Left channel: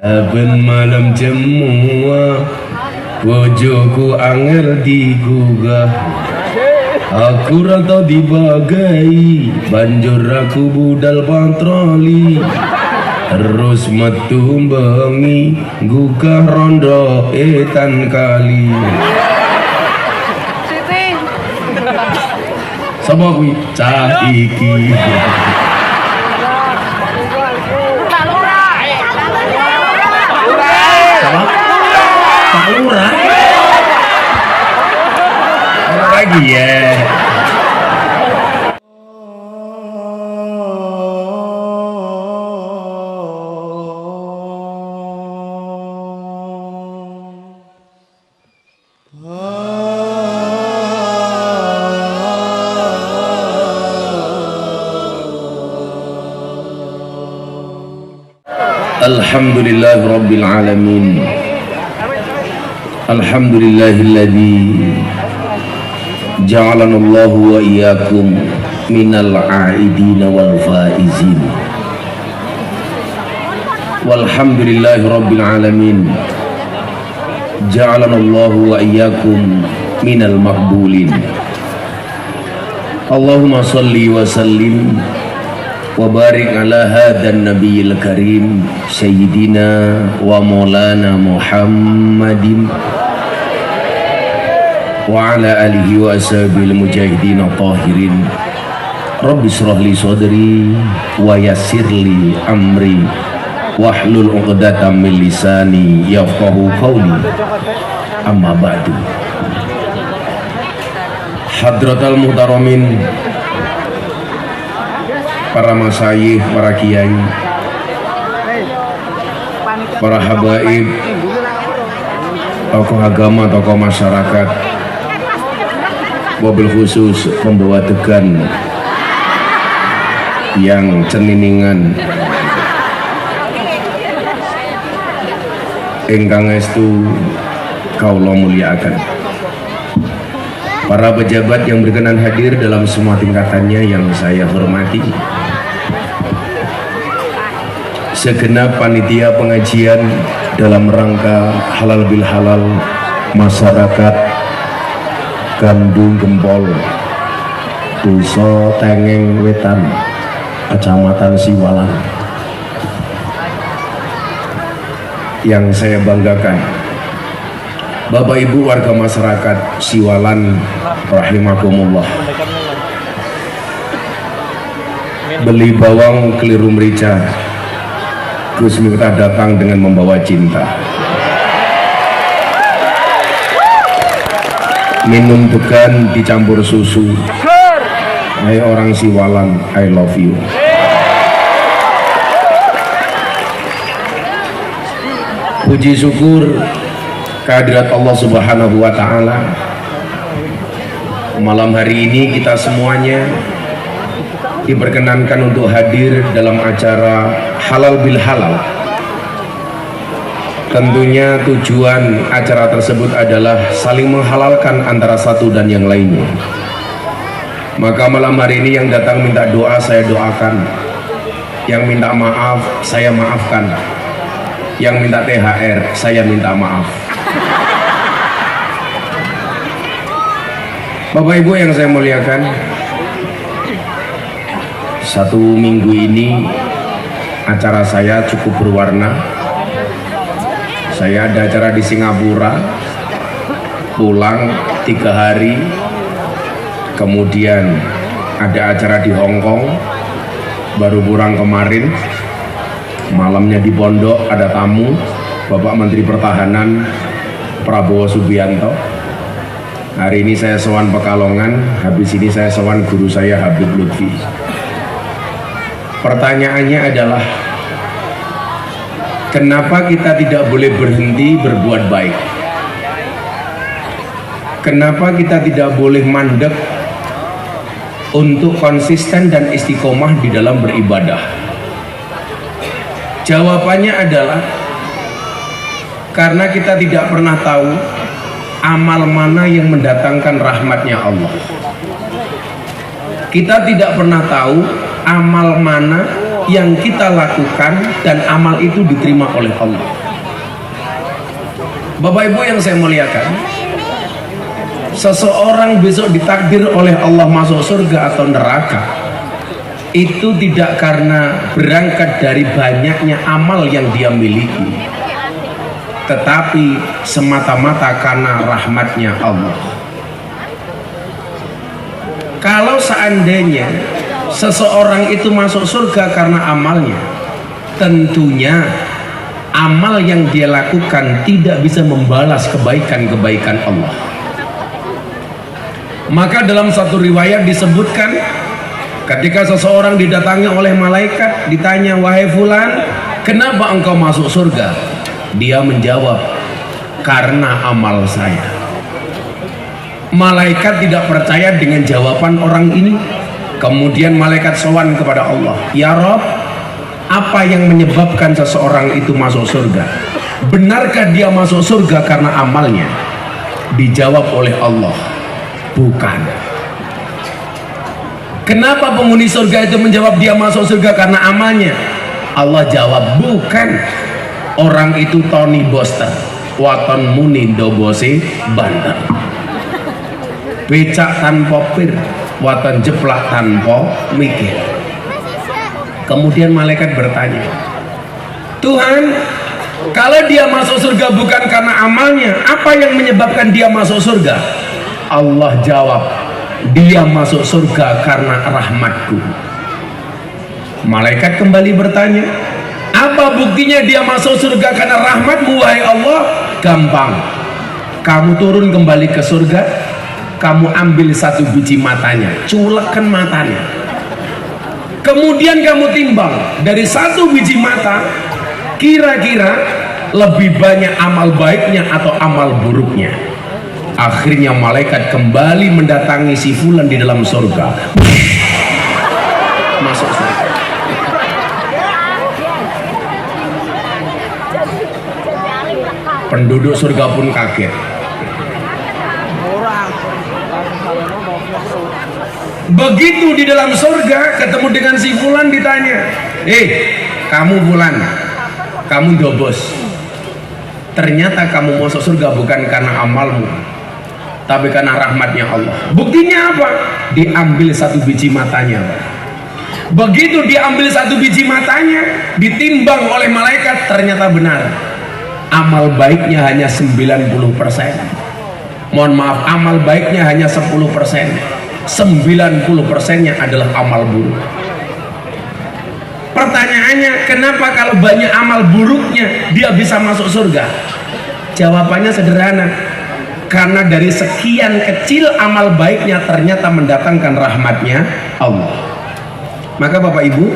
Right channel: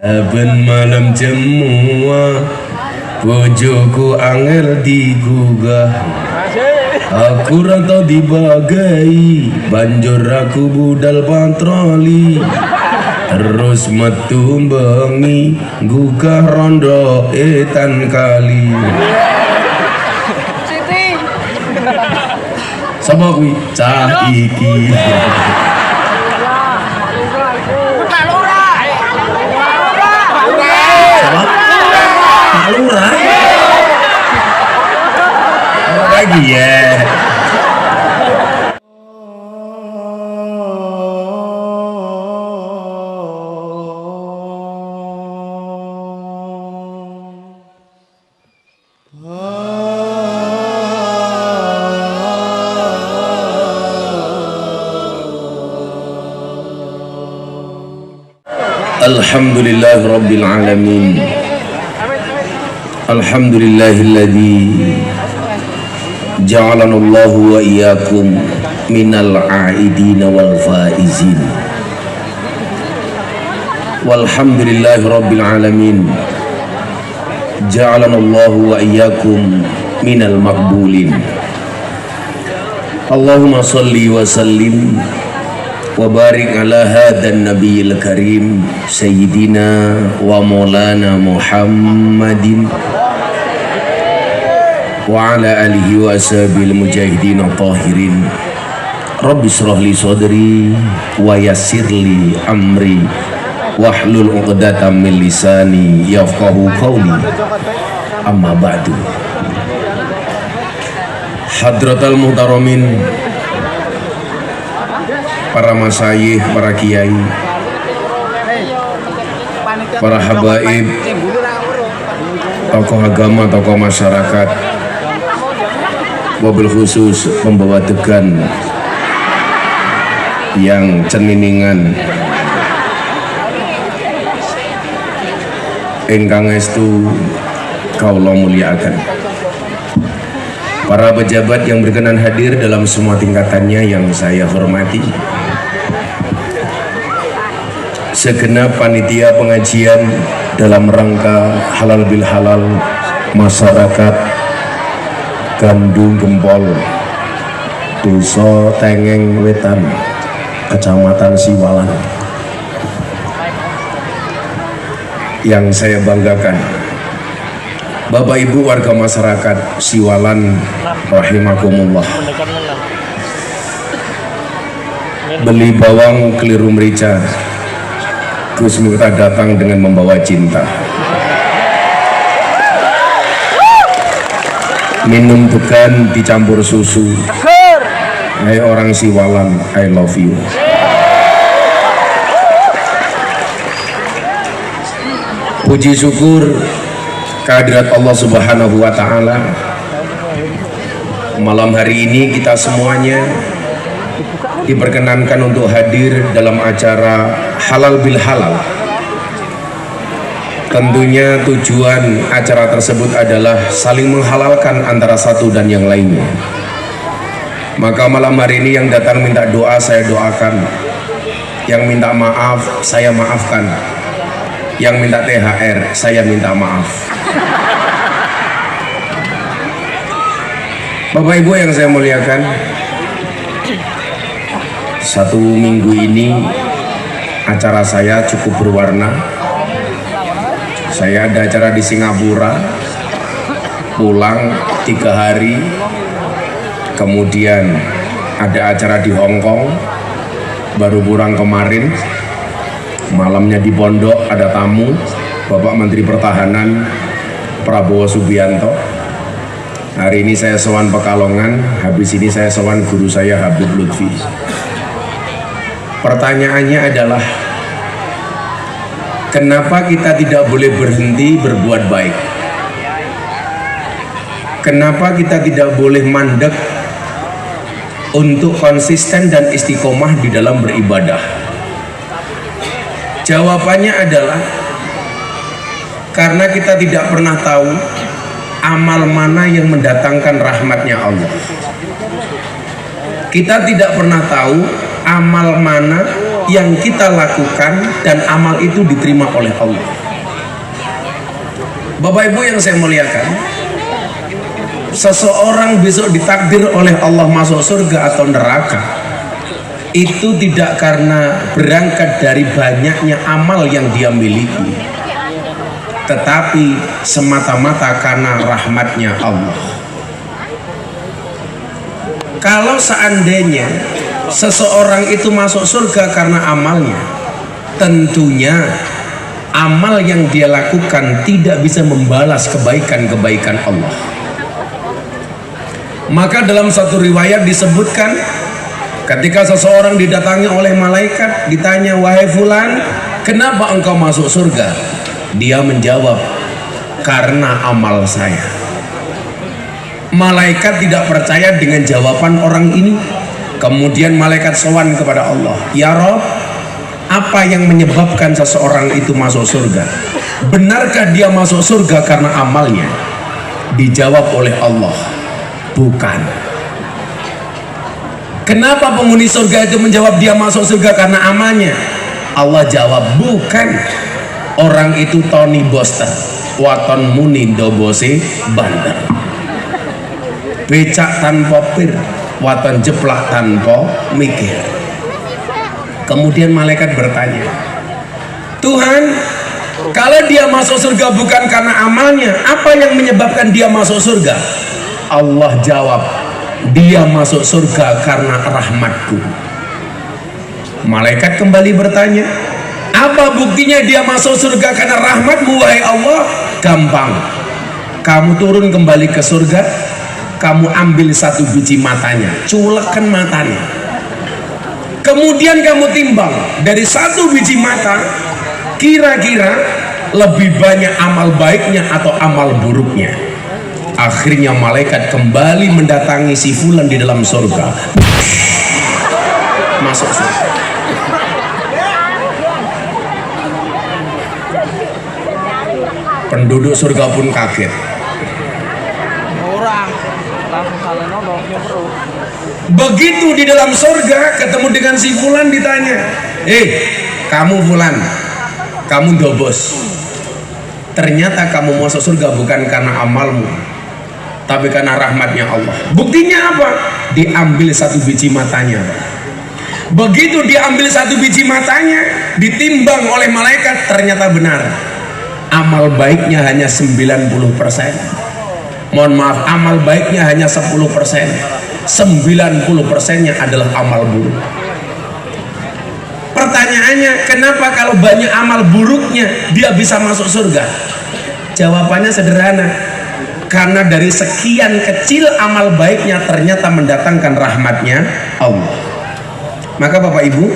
Ben malam semua bojoku angel digugah, aku rantau dibagai banjur aku budal patroli, terus metu bengi gugah rondo etan kali. Sapa kuwi? Cah iki. Pak Lurah lagi ya. Alhamdulillah Rabbil Alamin. Alhamdulillahilladzi ja'alana Allahu wa iyyakum minal a'idina wal faizin. Walhamdulillahi Rabbil Alamin. Ja'alana Allahu wa iyyakum minal maqbulin. Allahumma salli wa sallim wa barik ala hadan nabiyil karim sayyidina wa maulana Muhammadin wa ala alihi wa ashabil mujahidin tahirin. Rabbi shrah li sadri wa yassir li amri wahlul 'uqdatam min lisani yafqahu qawli. Amma ba'du. Hadratal muhtaramin, para masyayikh, para kiai, para habaib, tokoh agama, tokoh masyarakat, wabil khusus pembawa tegan yang ceniningan ingkang estu kaula mulyakaken, para pejabat yang berkenan hadir dalam semua tingkatannya yang saya hormati, segenap panitia pengajian dalam rangka halal bil halal masyarakat Gandung Gempol, Desa Tengeng Wetan, Kecamatan Siwalan, yang saya banggakan, Bapak Ibu warga masyarakat Siwalan rahimakumullah. Beli bawang keliru merica, Gus Miftah datang dengan membawa cinta. Minum degan dicampur susu. Hai orang Siwalan, I love you. Puji syukur kehadirat Allah Subhanahu wa Ta'ala. Malam hari ini kita semuanya diperkenankan untuk hadir dalam acara halal bil halal. Tentunya tujuan acara tersebut adalah saling menghalalkan antara satu dan yang lainnya. Maka malam hari ini yang datang minta doa saya doakan, yang minta maaf saya maafkan, yang minta THR saya minta maaf. Bapak Ibu yang saya muliakan, satu minggu ini acara saya cukup berwarna. Saya ada acara di Singapura, pulang 3 hari, kemudian ada acara di Hong Kong, baru pulang kemarin, malamnya di Pondok ada tamu, Bapak Menteri Pertahanan Prabowo Subianto. Hari ini saya sowan Pekalongan, habis ini saya sowan guru saya Habib Lutfi. Pertanyaannya adalah, kenapa kita tidak boleh berhenti berbuat baik? Kenapa kita tidak boleh mandek untuk konsisten dan istiqomah di dalam beribadah? Jawabannya adalah karena kita tidak pernah tahu amal mana yang mendatangkan rahmatnya Allah. Kita tidak pernah tahu amal mana yang kita lakukan dan amal itu diterima oleh Allah. Bapak Ibu yang saya muliakan, seseorang besok ditakdir oleh Allah masuk surga atau neraka itu tidak karena berangkat dari banyaknya amal yang dia miliki, tetapi semata-mata karena rahmatnya Allah. Kalau seandainya seseorang itu masuk surga karena amalnya, tentunya amal yang dia lakukan tidak bisa membalas kebaikan-kebaikan Allah. Maka dalam satu riwayat disebutkan, ketika seseorang didatangi oleh malaikat, ditanya, wahai fulan, kenapa engkau masuk surga? Dia menjawab, karena amal saya. Malaikat tidak percaya dengan jawaban orang ini. Kemudian malaikat sowan kepada Allah, ya Rabb, apa yang menyebabkan seseorang itu masuk surga? Benarkah dia masuk surga karena amalnya? Dijawab oleh Allah, bukan. Kenapa penghuni surga itu menjawab dia masuk surga karena amalnya? Allah jawab, bukan. Orang itu Tony Boster, waton muni dobose banter. Becak tanpa pir, waton jeplak tanpa mikir. Kemudian malaikat bertanya, Tuhan, kalau dia masuk surga bukan karena amalnya, apa yang menyebabkan dia masuk surga? Allah jawab, dia masuk surga karena rahmatku. Malaikat kembali bertanya, apa buktinya dia masuk surga karena rahmatmu wahai Allah? Gampang, kamu turun kembali ke surga, kamu ambil satu biji matanya, culekkan matanya, kemudian kamu timbang dari satu biji mata, kira-kira lebih banyak amal baiknya atau amal buruknya. Akhirnya malaikat kembali mendatangi si fulan di dalam surga, masuk surga. Penduduk surga pun kaget. Begitu di dalam surga ketemu dengan si fulan, ditanya, kamu fulan, kamu dobos, ternyata kamu masuk surga bukan karena amalmu, tapi karena rahmatnya Allah. Buktinya apa? Diambil satu biji matanya. Begitu diambil satu biji matanya, ditimbang oleh malaikat, ternyata benar, amal baiknya hanya 90%. Mohon maaf, amal baiknya hanya 10%. 90%-nya adalah amal buruk. Pertanyaannya, kenapa kalau banyak amal buruknya dia bisa masuk surga? Jawabannya sederhana, karena dari sekian kecil amal baiknya ternyata mendatangkan rahmatnya Allah. Maka Bapak Ibu,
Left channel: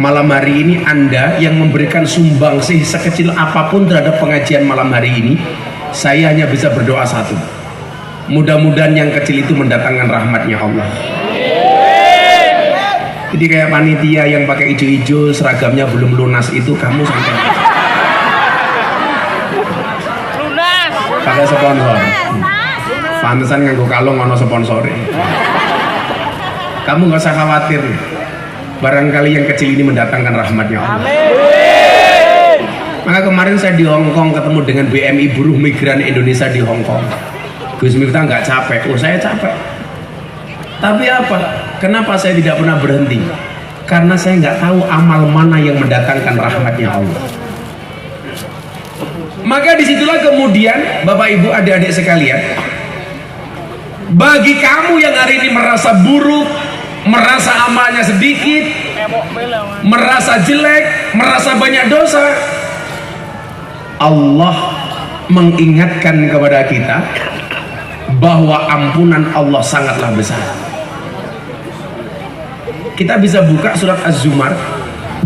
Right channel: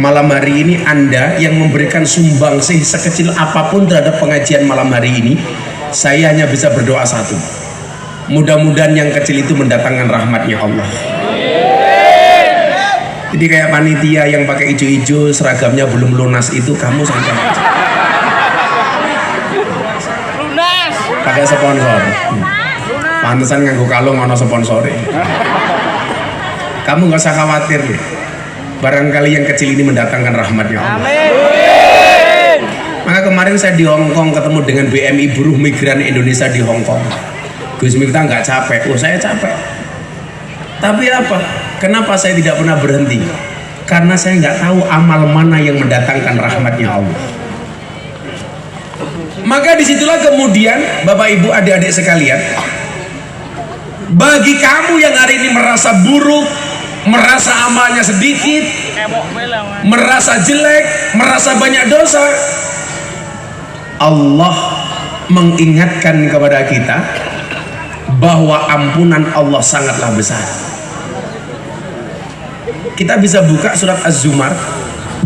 malam hari ini Anda yang memberikan sumbangsih sekecil apapun terhadap pengajian malam hari ini, saya hanya bisa berdoa satu, mudah-mudahan yang kecil itu mendatangkan rahmatnya Allah. Jadi kayak panitia yang pakai hijau-hijau, seragamnya belum lunas itu, kamu sampai pakai sponsor, pantesan nganggo kalung ono sponsor. Kamu nggak usah khawatir nih, barangkali yang kecil ini mendatangkan rahmatnya Allah. Maka kemarin saya di Hong Kong ketemu dengan BMI Buruh Migran Indonesia di Hong Kong. Gus Miftah nggak capek? Oh, saya capek. Tapi apa? Kenapa saya tidak pernah berhenti? Karena saya nggak tahu amal mana yang mendatangkan rahmatnya Allah. Maka disitulah kemudian Bapak Ibu adik-adik sekalian, bagi kamu yang hari ini merasa buruk, merasa amalnya sedikit, merasa jelek, merasa banyak dosa, Allah mengingatkan kepada kita bahwa ampunan Allah sangatlah besar. Kita bisa buka surat Az-Zumar.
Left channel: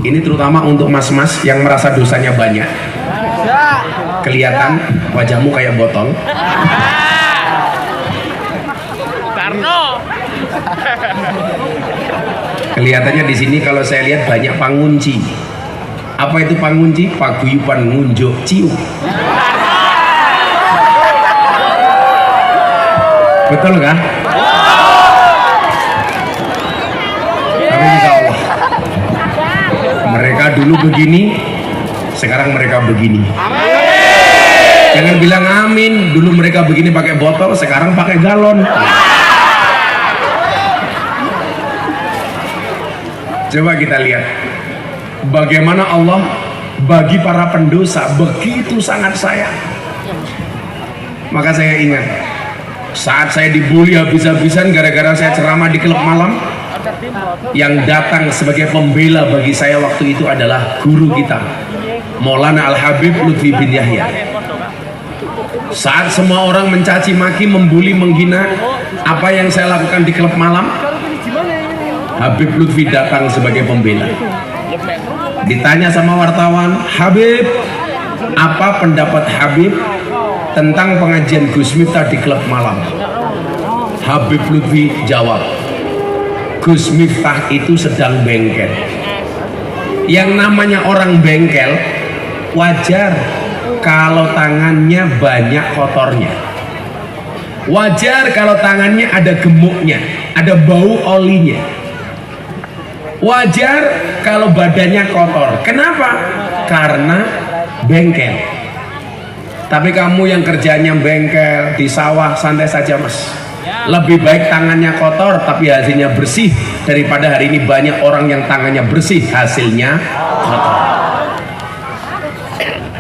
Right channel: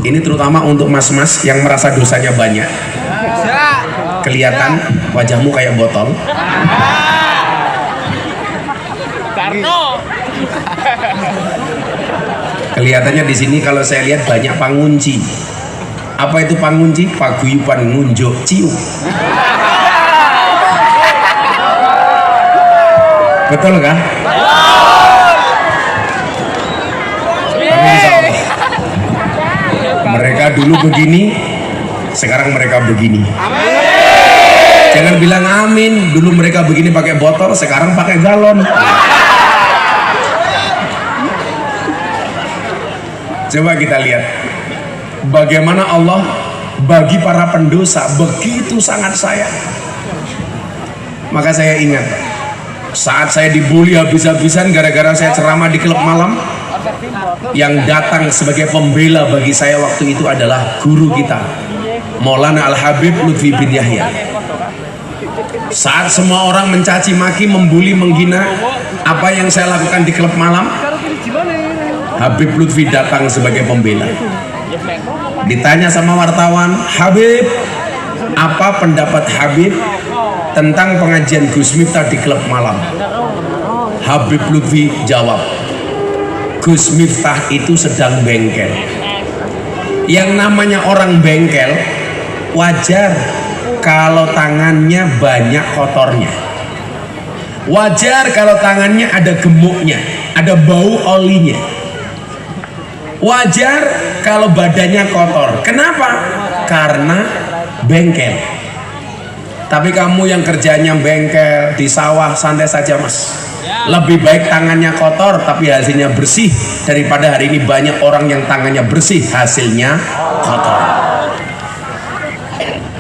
Ini terutama untuk mas-mas yang merasa dosanya banyak. Kelihatan wajahmu kayak botol. Tarno. Kelihatannya di sini kalau saya lihat banyak pangunci. Apa itu pangunci? Paguyuban ngunjuk cium. Betul kan? Tapi insya Allah dulu begini, sekarang mereka begini. Jangan bilang amin, dulu mereka begini pakai botol, sekarang pakai galon. Coba kita lihat bagaimana Allah bagi para pendosa begitu sangat sayang. Maka saya ingat saat saya dibully habis-habisan gara-gara saya ceramah di klub malam, yang datang sebagai pembela bagi saya waktu itu adalah guru kita, Maulana Al-Habib Lutfi bin Yahya. Saat semua orang mencaci maki, membuli, menghina apa yang saya lakukan di klub malam, Habib Lutfi datang sebagai pembela. Ditanya sama wartawan, Habib, apa pendapat Habib tentang pengajian Gus Miftah di klub malam? Habib Lutfi jawab, Gus Miftah itu sedang bengkel. Yang namanya orang bengkel wajar kalau tangannya banyak kotornya, wajar kalau tangannya ada gemuknya, ada bau olinya, wajar kalau badannya kotor. Kenapa? Karena bengkel. Tapi kamu yang kerjanya bengkel di sawah, santai saja mas. Lebih baik tangannya kotor tapi hasilnya bersih, daripada hari ini banyak orang yang tangannya bersih hasilnya kotor.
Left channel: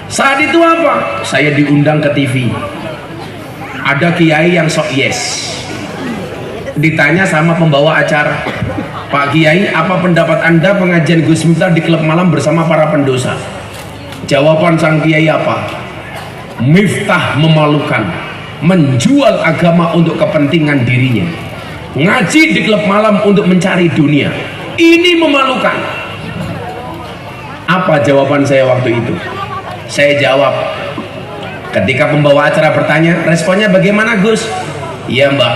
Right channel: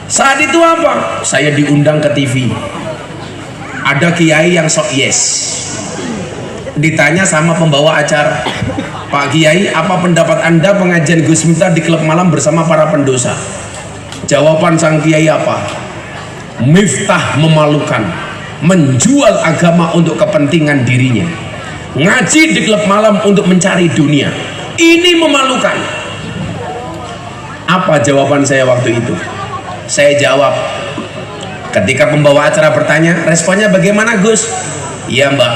Saat itu apa? Saya diundang ke TV. Ada kiai yang sok yes. Ditanya sama pembawa acara, Pak Kiai, apa pendapat Anda pengajian Gus Miftah di klub malam bersama para pendosa? Jawaban sang kiai apa? Miftah memalukan, menjual agama untuk kepentingan dirinya, ngaji di klub malam untuk mencari dunia. Ini memalukan. Apa jawaban saya waktu itu? Saya jawab, ketika pembawa acara bertanya, responnya bagaimana Gus? Iya Mbak,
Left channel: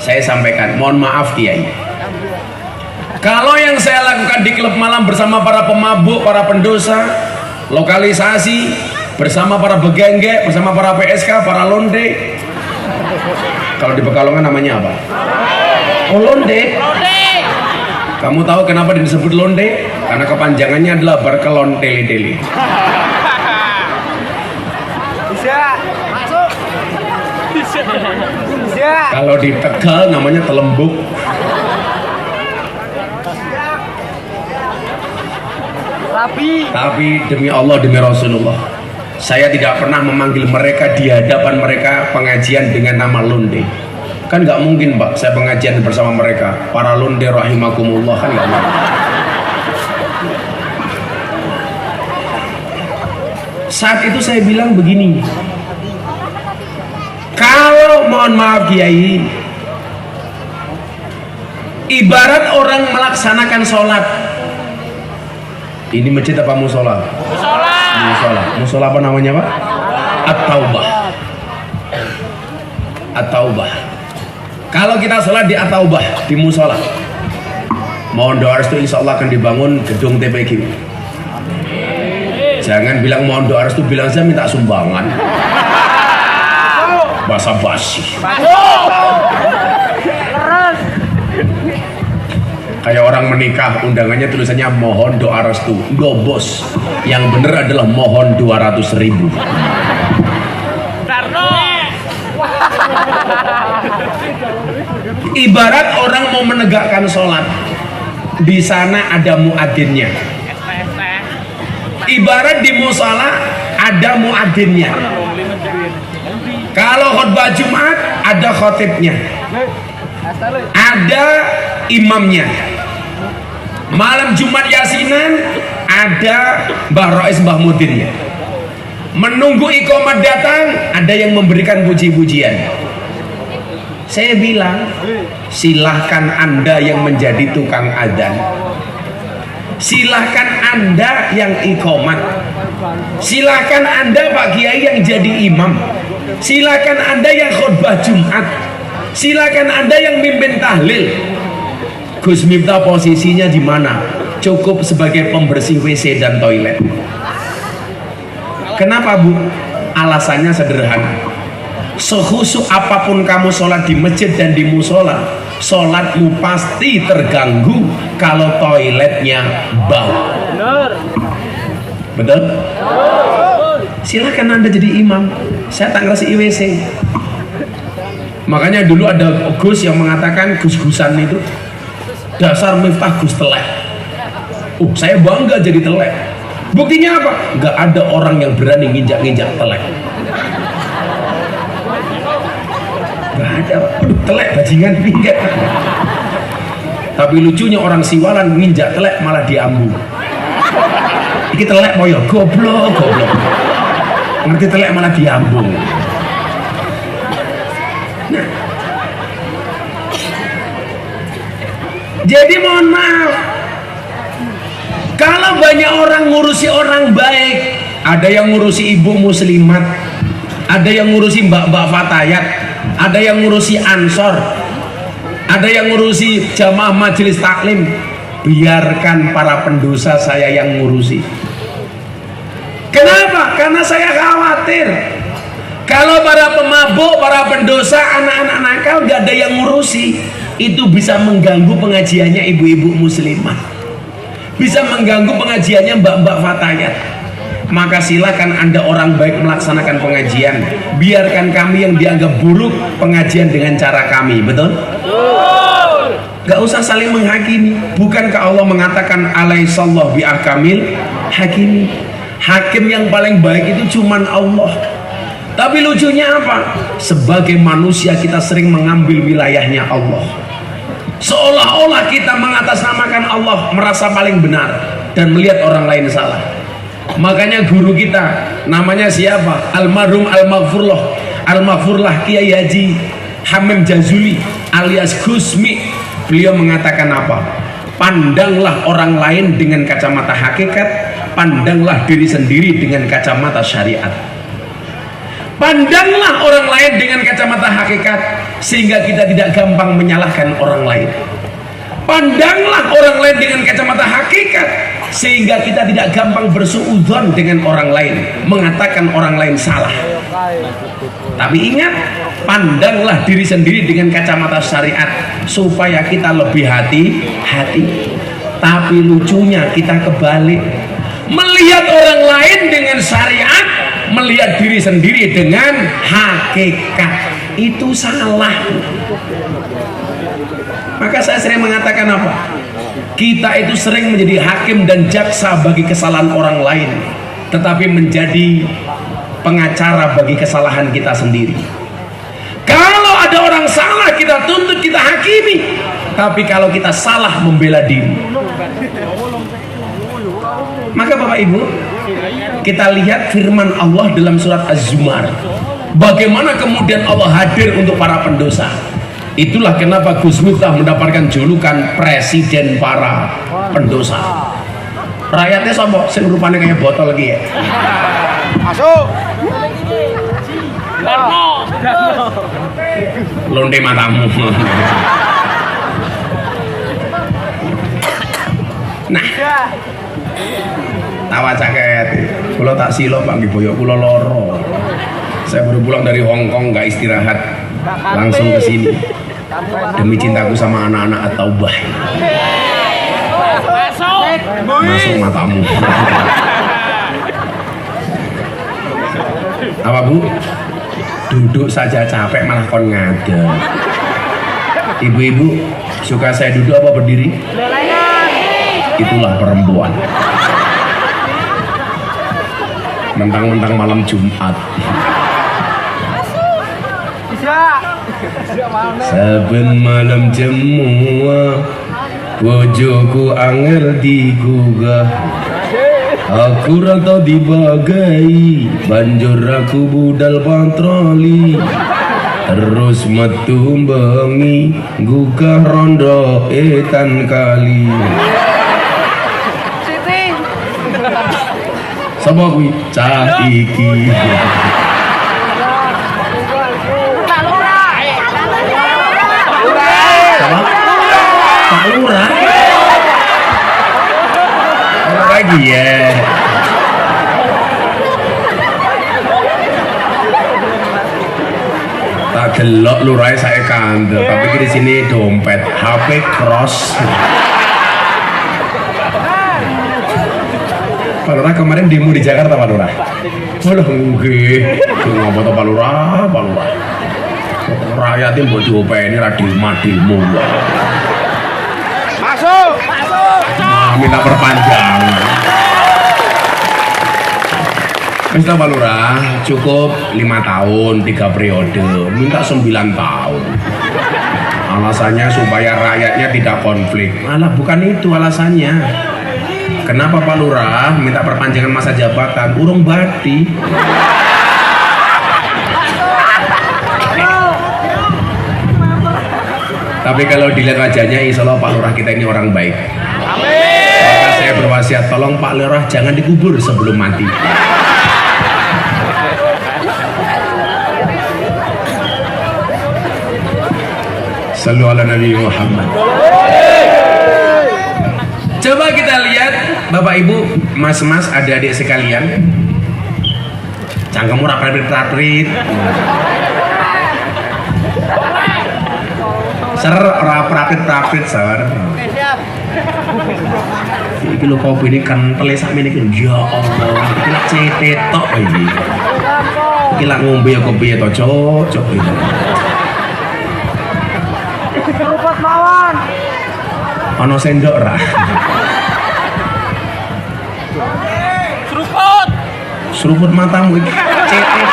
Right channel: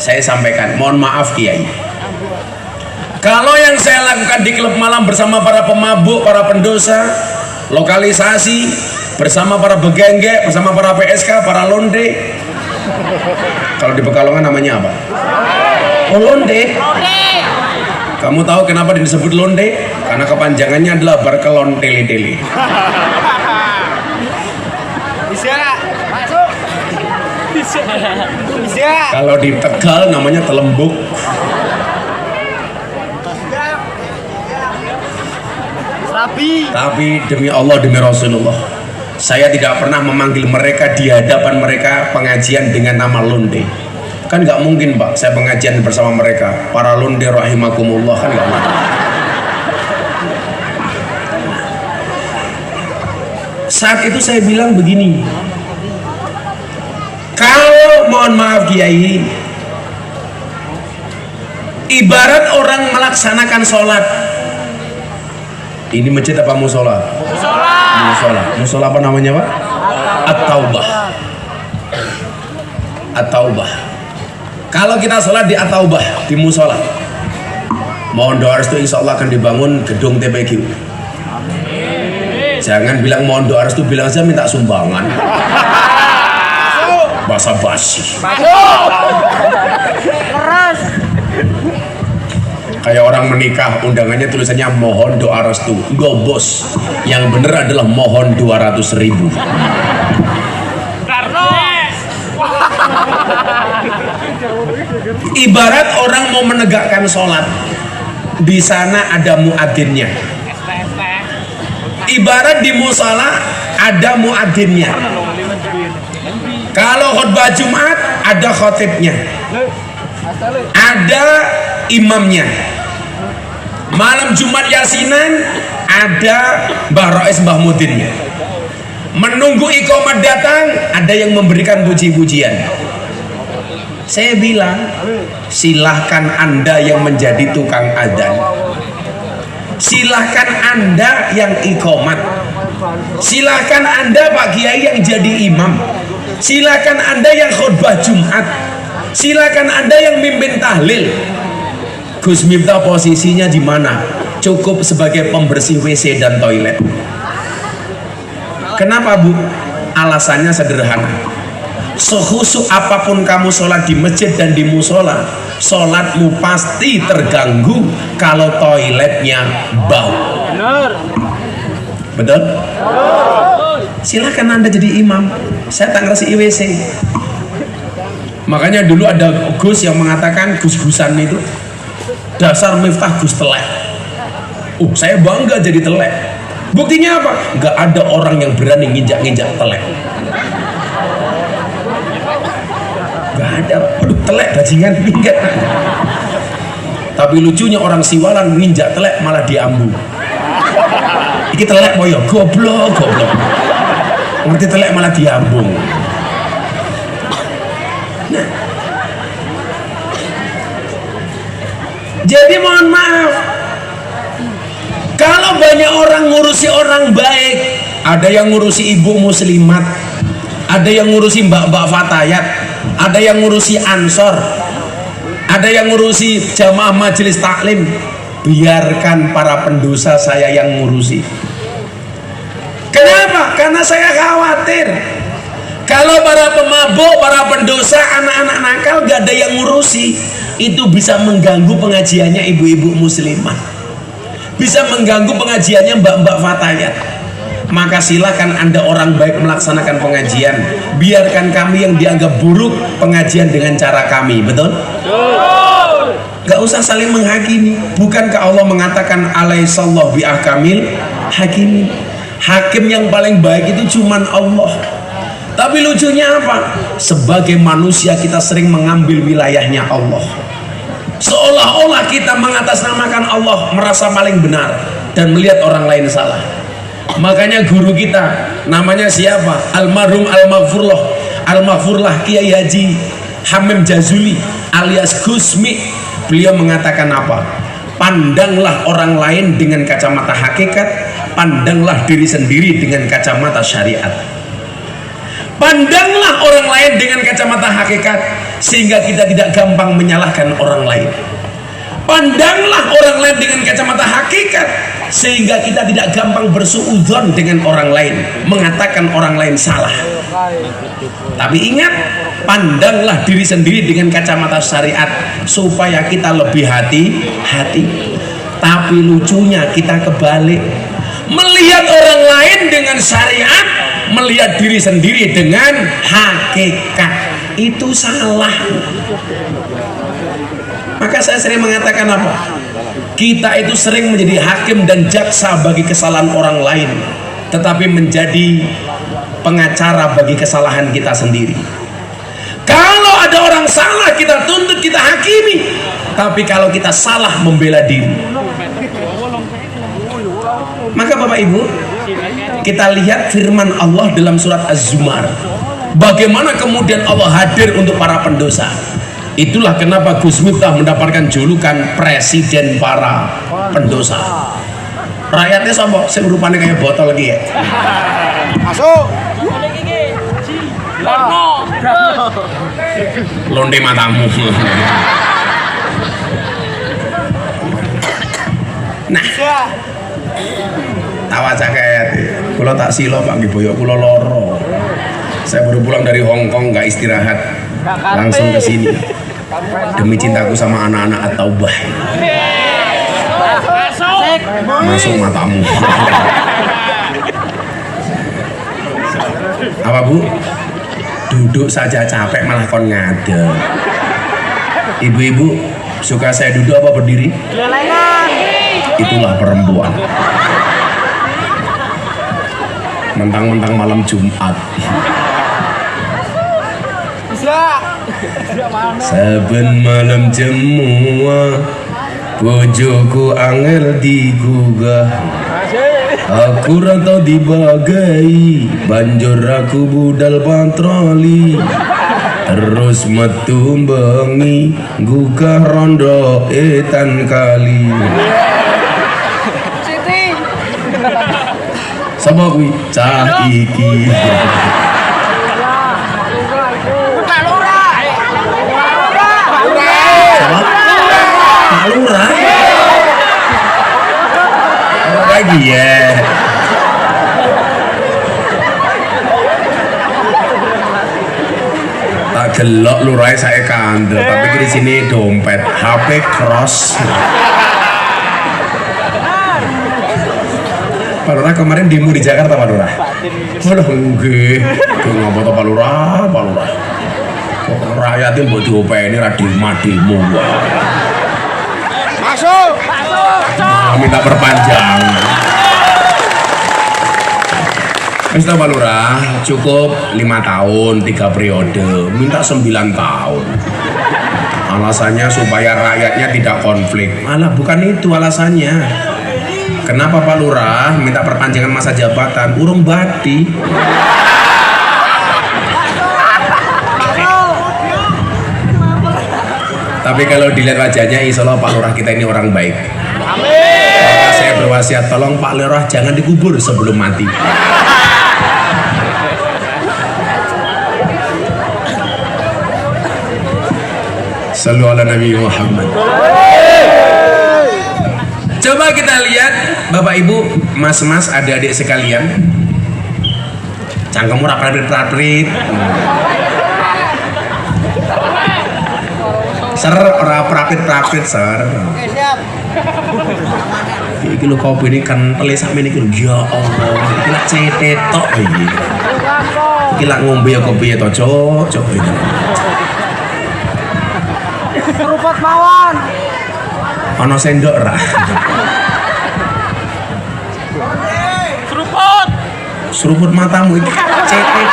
saya sampaikan, mohon maaf Kiai, kalau yang saya lakukan di klub malam bersama para pemabuk, para pendosa, lokalisasi bersama para begengge, bersama para PSK, para londe. Kalau di Pekalongan namanya apa? Oh, londe. Kamu tahu kenapa disebut londe? Karena kepanjangannya adalah berkelon tele-tele. Bisa masuk. Bisa. Kalau di Tegal namanya telembuk. Tapi demi Allah, demi Rasulullah, saya tidak pernah memanggil mereka di hadapan mereka pengajian dengan nama londe. Kan nggak mungkin Pak, saya pengajian bersama mereka para londe rahimakumullah, kan nggak mungkin. Saat itu saya bilang begini, kalau mohon maaf Kiai, ibarat orang melaksanakan sholat. Ini masjid apa musola? Musola. Musola apa namanya Pak? At-Taubah. At-Taubah. Kalau kita sholat di At-Taubah, di musola, mohon doa restu, insya Allah akan dibangun gedung TPG. Jangan bilang mohon doa restu, bilang saya minta sumbangan. Basa-basi. Kayak orang menikah, undangannya tulisannya mohon doa restu. Enggak bos, yang bener adalah mohon 200.000. Tarno. Ibarat orang mau menegakkan sholat, di sana ada muadzinnya. Ibarat di musala ada muadzinnya. Kalau khutbah Jumat ada khotibnya, ada imamnya. Malam Jumat Yasinan ada Mbah Rois, Mbah Mudinnya. Menunggu iqamah datang, ada yang memberikan puji-pujian. Saya bilang, silahkan Anda yang menjadi tukang adzan, silahkan Anda yang iqamat, silahkan Anda Pak Kiai yang jadi imam, silahkan Anda yang khutbah Jumat, silahkan Anda yang mimpin tahlil. Gus Miftah posisinya di mana? Cukup sebagai pembersih WC dan toilet. Kenapa Bu? Alasannya sederhana. Sekhusuk apapun kamu sholat di masjid dan di musola, sholatmu pasti terganggu kalau toiletnya bau. Betul? Silahkan Anda jadi imam, saya tak ngerasa IWC. Makanya dulu ada Gus yang mengatakan gus-gusan itu dasar Miftah Gus telek. Saya bangga jadi telek. Buktinya apa? Gak ada orang yang berani nginjak-nginjak telek. Gak ada. Aduh, telek bajingan enggak. Tapi lucunya orang Siwalan nginjak telek malah diambu. Iki telek moyo goblok. Ngerti telek malah diambung. Nah, jadi mohon maaf, kalau banyak orang ngurusi orang baik, ada yang ngurusi ibu muslimat, ada yang ngurusi mbak-mbak fatayat, ada yang ngurusi ansor, ada yang ngurusi jamaah majelis taklim. Biarkan para pendosa saya yang ngurusi. Kenapa? Karena saya khawatir kalau para pemabuk, para pendosa, anak-anak nakal gak ada yang ngurusi, itu bisa mengganggu pengajiannya ibu-ibu muslimah, bisa mengganggu pengajiannya mbak-mbak fatayat. Maka silakan Anda orang baik melaksanakan pengajian, biarkan kami yang dianggap buruk pengajian dengan cara kami. Betul? Gak usah saling menghakimi. Bukankah Allah mengatakan alaihissallahu biahkamil hakim? Hakim yang paling baik itu cuman Allah. Tapi lucunya apa? Sebagai manusia kita sering mengambil wilayahnya Allah, seolah-olah kita mengatasnamakan Allah, merasa paling benar dan melihat orang lain salah. Makanya guru kita namanya siapa? Almarhum Al-Maghfurlah Kiai Haji Hamim Jazuli alias Gusmi. Beliau mengatakan apa? Pandanglah orang lain dengan kacamata hakikat, pandanglah diri sendiri dengan kacamata syariat. Pandanglah orang lain dengan kacamata hakikat sehingga kita tidak gampang menyalahkan orang lain. Pandanglah orang lain dengan kacamata hakikat sehingga kita tidak gampang bersuudzon dengan orang lain, mengatakan orang lain salah. Tapi ingat, pandanglah diri sendiri dengan kacamata syariat supaya kita lebih hati-hati. Tapi lucunya kita kebalik, melihat orang lain dengan syariat, melihat diri sendiri dengan hakikat. Itu salah. Maka saya sering mengatakan apa? Kita itu sering menjadi hakim dan jaksa bagi kesalahan orang lain, tetapi menjadi pengacara bagi kesalahan kita sendiri. Kalau ada orang salah kita tuntut, kita hakimi. Tapi kalau kita salah membela diri. Maka Bapak Ibu, kita lihat firman Allah dalam surat Az-Zumar. Bagaimana kemudian Allah hadir untuk para pendosa. Itulah kenapa Gus Miftah mendapatkan julukan presiden para pendosa. Rakyatnya sombong, sing rupanya kayak botol lagi ya. Masuk. Londe matamu. Nah, tawa caket. Kalau tak silo Pak nggih boyo kula loro. Saya baru pulang dari Hong Kong, nggak istirahat, langsung ke sini. Demi cintaku sama anak-anak At-Taubah. Masuk matamu. Apa Bu? Duduk saja capek malah kon ngadeg. Ibu-ibu suka saya duduk apa berdiri? Itulah perempuan. Mentang-mentang malam Jumat. Saben malam jemua bojoku angel digugah. Aku rantau dibagai, banjur aku budal patroli. Terus metu bengi, gugah rondo etan kali. Sapa kuwi? Cah iki. Pak Lurah. Lagi ya. Tak delok lurah saya kandel, tapi di sini dompet, HP cross. Pak Lurah kemarin demo di Jakarta Pak Lurah. Walah nggih. Ngapa to Pak Lurah? Pak Lurah. Kok rakyatnya mbok diopeni ra demo. Masuk. Minta perpanjang. Ustaz Pak Lurah cukup 5 tahun 3 periode, minta 9 tahun. Alasannya supaya rakyatnya tidak konflik. Malah bukan itu alasannya. Kenapa Pak Lurah minta perpanjangan masa jabatan? Urung badi. Tapi kalau dilihat wajahnya, insya Allah Pak Lurah kita ini orang baik. Amin. Saya berwasiat, tolong Pak Lurah jangan dikubur sebelum mati. Sallu ala Nabi Muhammad. Coba kita lihat Bapak Ibu, Mas-mas, adik-adik sekalian. Cangkemmu raprit-raprit. Ser, ora raprit-raprit, ser. Iki lho kopi ini kan pelih sakmene iki lho. Ya Allah, iki lak cetetok iki. Iki lak ngombe ya kopi ya to, Cok. Ono sendok ra. Seruput matamu iki cetek.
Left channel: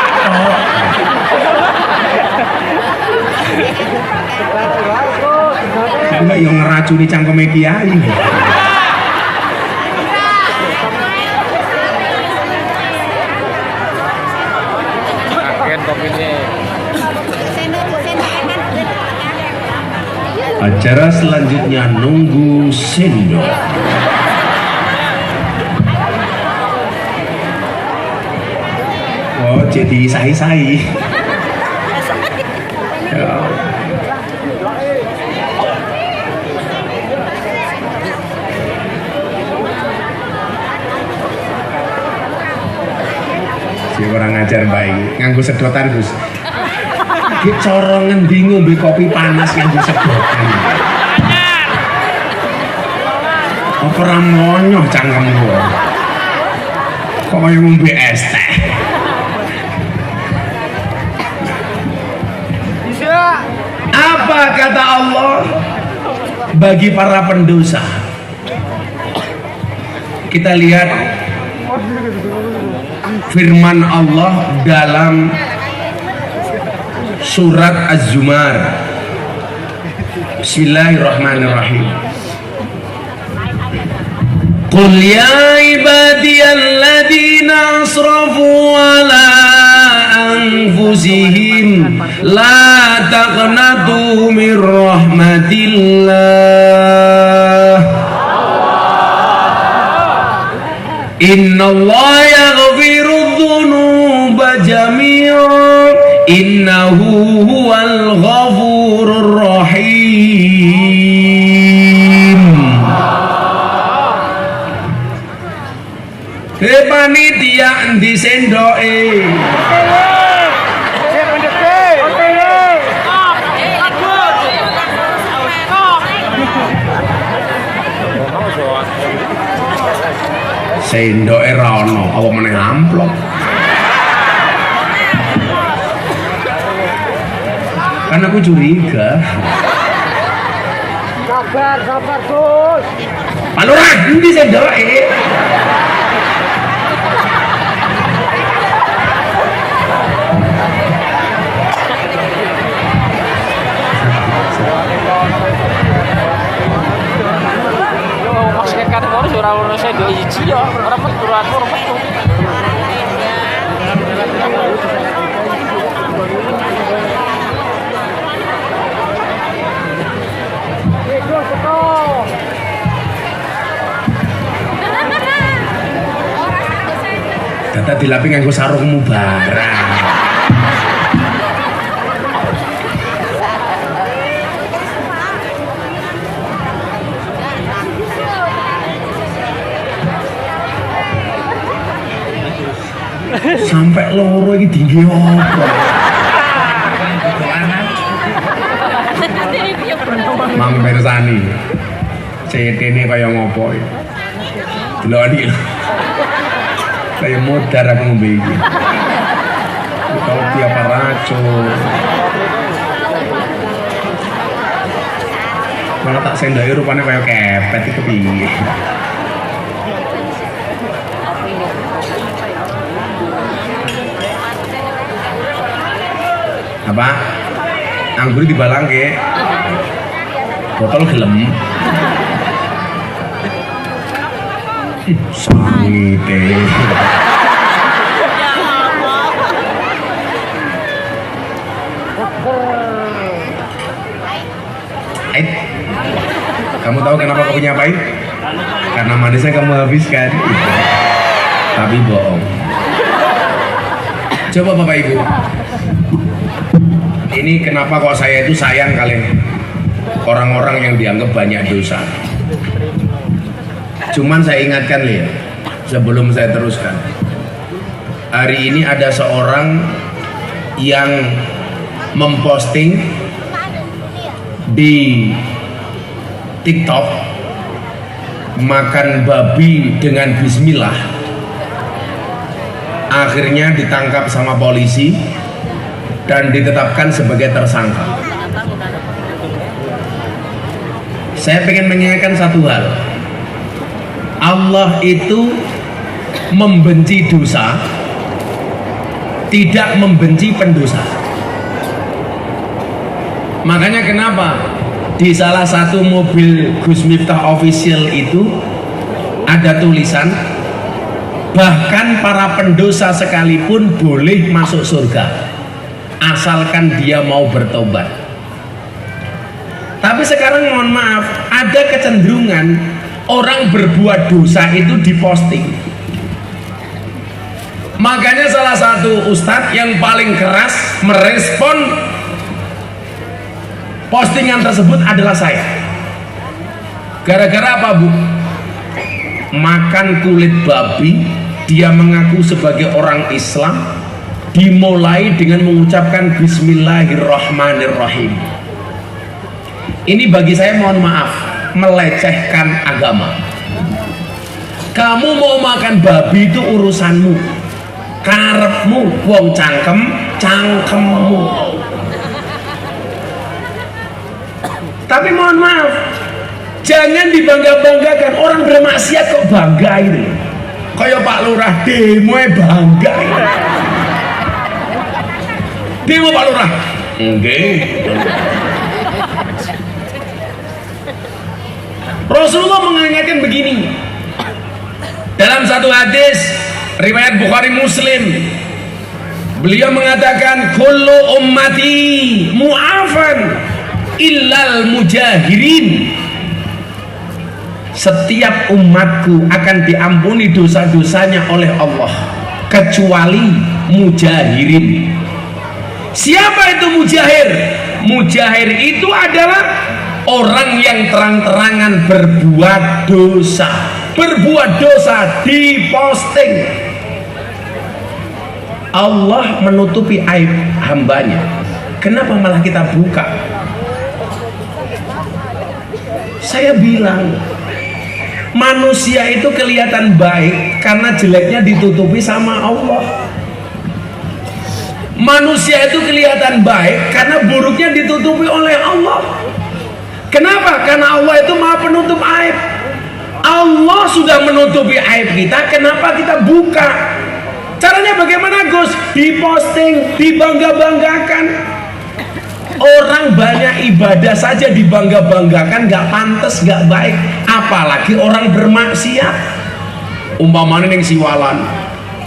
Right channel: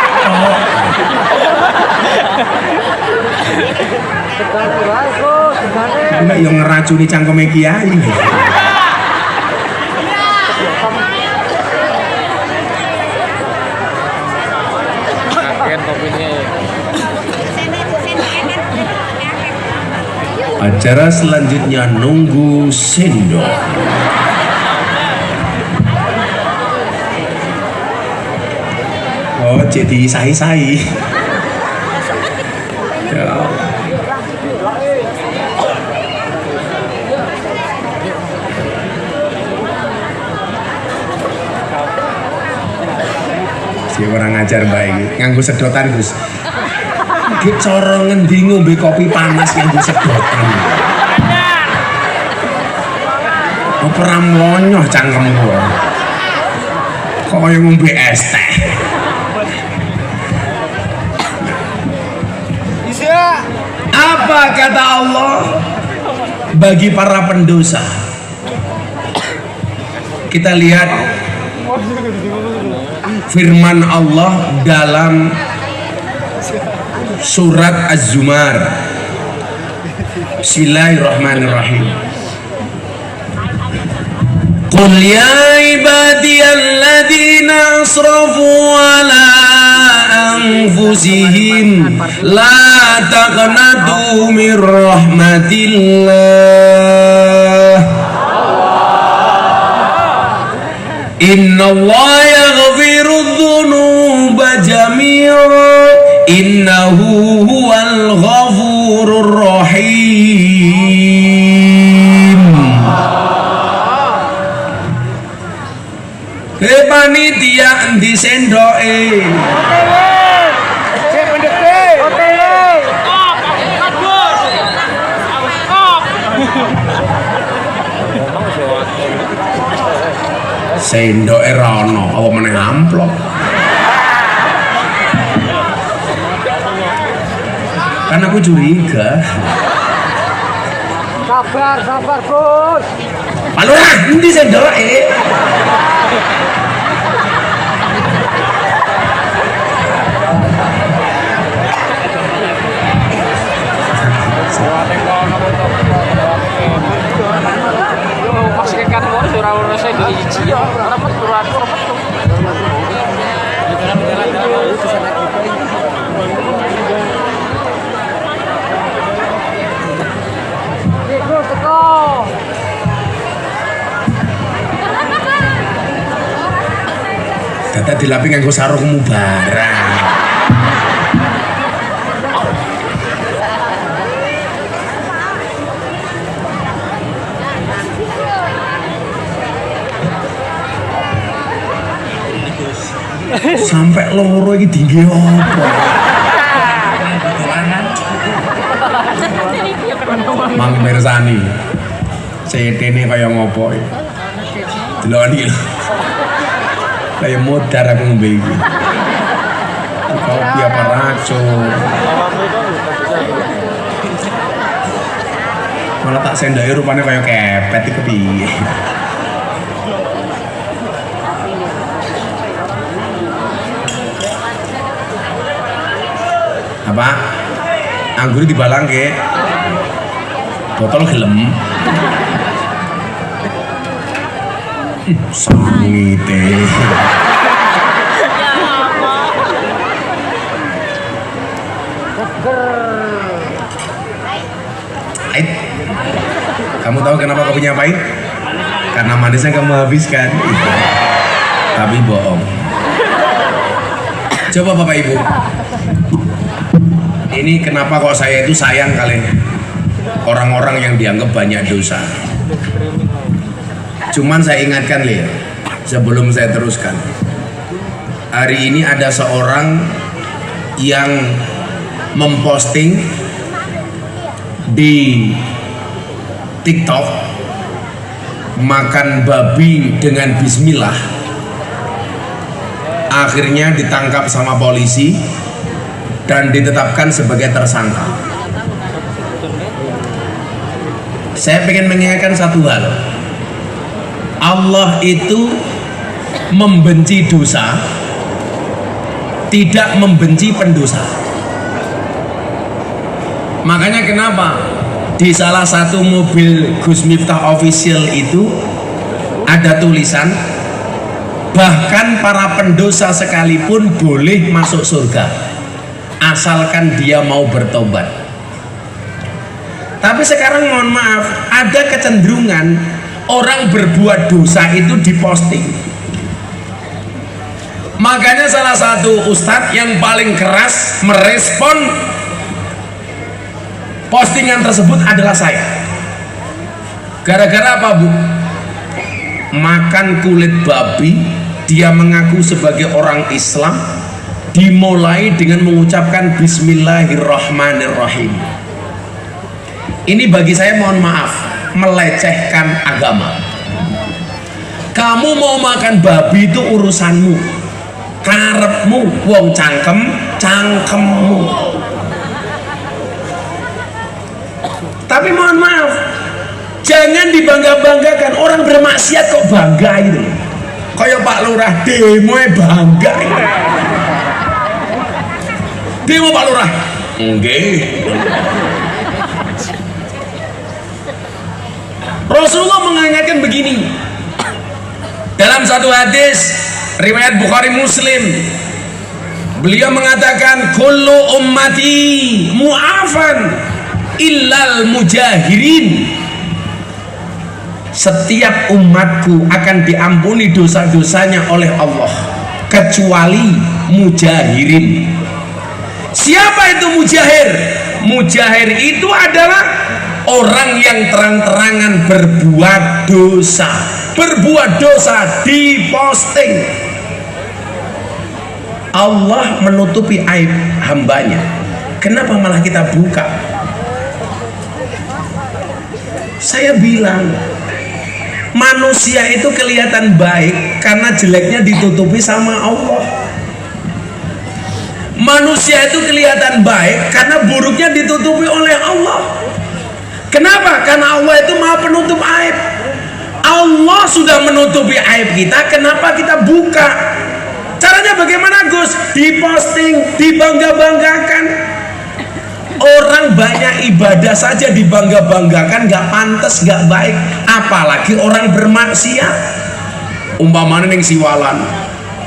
Nek yo ngeracuni cangkeme kiai. Kaget kopinya. Acara selanjutnya nunggu sendok. Oh, jadi sahi-sahi. Ya. Si orang ngajar baik, nganggo sedotan Gus. Ki cara ngendi ngombe kopi panas nganggo sedotan. Ora monyoh cangkemmu. Kok kaya ngombe es teh. Apa kata Allah bagi para pendosa? Kita lihat firman Allah dalam surat Az-Zumar. Bismillahirrahmanirrahim. Qul ya ibadiyalladzina asrafu ala anfusihim la taqnatu min rahmatillah innallaha yaghfiru dzunuba jami'an innahu huwal ghafurur rahim. Panitia endi sendoke? Sendoke ra ono, apa meneh amplop. Kan aku curiga. Sabar Gus. Pak Lurah, endi sendoke? Kan ora saya diiji ya, ora metu ora metu. Data dilapi nganggo sarungmu barang. Sampai loro iki tinggi apa? Mang Bersani. CT-ne kaya ngopo iki? Delok iki lho. Kayak modar aku ngombe iki. Kopi apa racun? Malah tak sendai rupanya kayak kepet itu piye. Apa? Anggur dibalang ke botol gelem. Sangite. Aik. Kamu tahu kenapa kopinya pahit? Karena manisnya kamu habiskan. Tapi bohong. Coba Bapak Ibu. Ini kenapa kok saya itu sayang kalian orang-orang yang dianggap banyak dosa. Cuman saya ingatkan ya, sebelum saya teruskan. Hari ini ada seorang yang memposting di TikTok makan babi dengan bismillah. Akhirnya ditangkap sama polisi dan ditetapkan sebagai tersangka. Saya ingin mengingatkan satu hal. Allah itu membenci dosa, tidak membenci pendosa. Makanya kenapa di salah satu mobil Gus Miftah official itu ada tulisan, bahkan para pendosa sekalipun boleh masuk surga asalkan dia mau bertobat. Tapi sekarang mohon maaf, ada kecenderungan orang berbuat dosa itu diposting. Makanya salah satu ustadz yang paling keras merespon postingan tersebut adalah saya. Gara-gara apa, Bu? Makan kulit babi, dia mengaku sebagai orang Islam, dimulai dengan mengucapkan Bismillahirrahmanirrahim. Ini bagi saya mohon maaf, melecehkan agama. Kamu mau makan babi itu urusanmu, karepmu, wong cangkemmu. Tapi mohon maaf, jangan dibangga-banggakan. Orang bermaksiat kok bangga itu. Kayak Pak Lurah demo bangga. Demo Pak Lurah. Enggak. Rasulullah mengingatkan begini dalam satu hadis riwayat Bukhari Muslim, beliau mengatakan kullu ummati mu'afan illal mujahirin. Setiap umatku akan diampuni dosa-dosanya oleh Allah kecuali mujahirin. Siapa itu mujahir? Mujahir itu adalah orang yang terang-terangan berbuat dosa. Berbuat dosa diposting. Allah menutupi aib hambanya. Kenapa malah kita buka? Saya bilang, manusia itu kelihatan baik karena jeleknya ditutupi sama Allah. Manusia itu kelihatan baik karena buruknya ditutupi oleh Allah. Kenapa? Karena Allah itu maha penutup aib. Allah sudah menutupi aib kita, kenapa kita buka? Caranya bagaimana, Gus? Diposting, dibangga-banggakan. Orang banyak ibadah saja dibangga-banggakan, gak pantas, gak baik. Apalagi orang bermaksiat. Umpamanya ning Siwalan,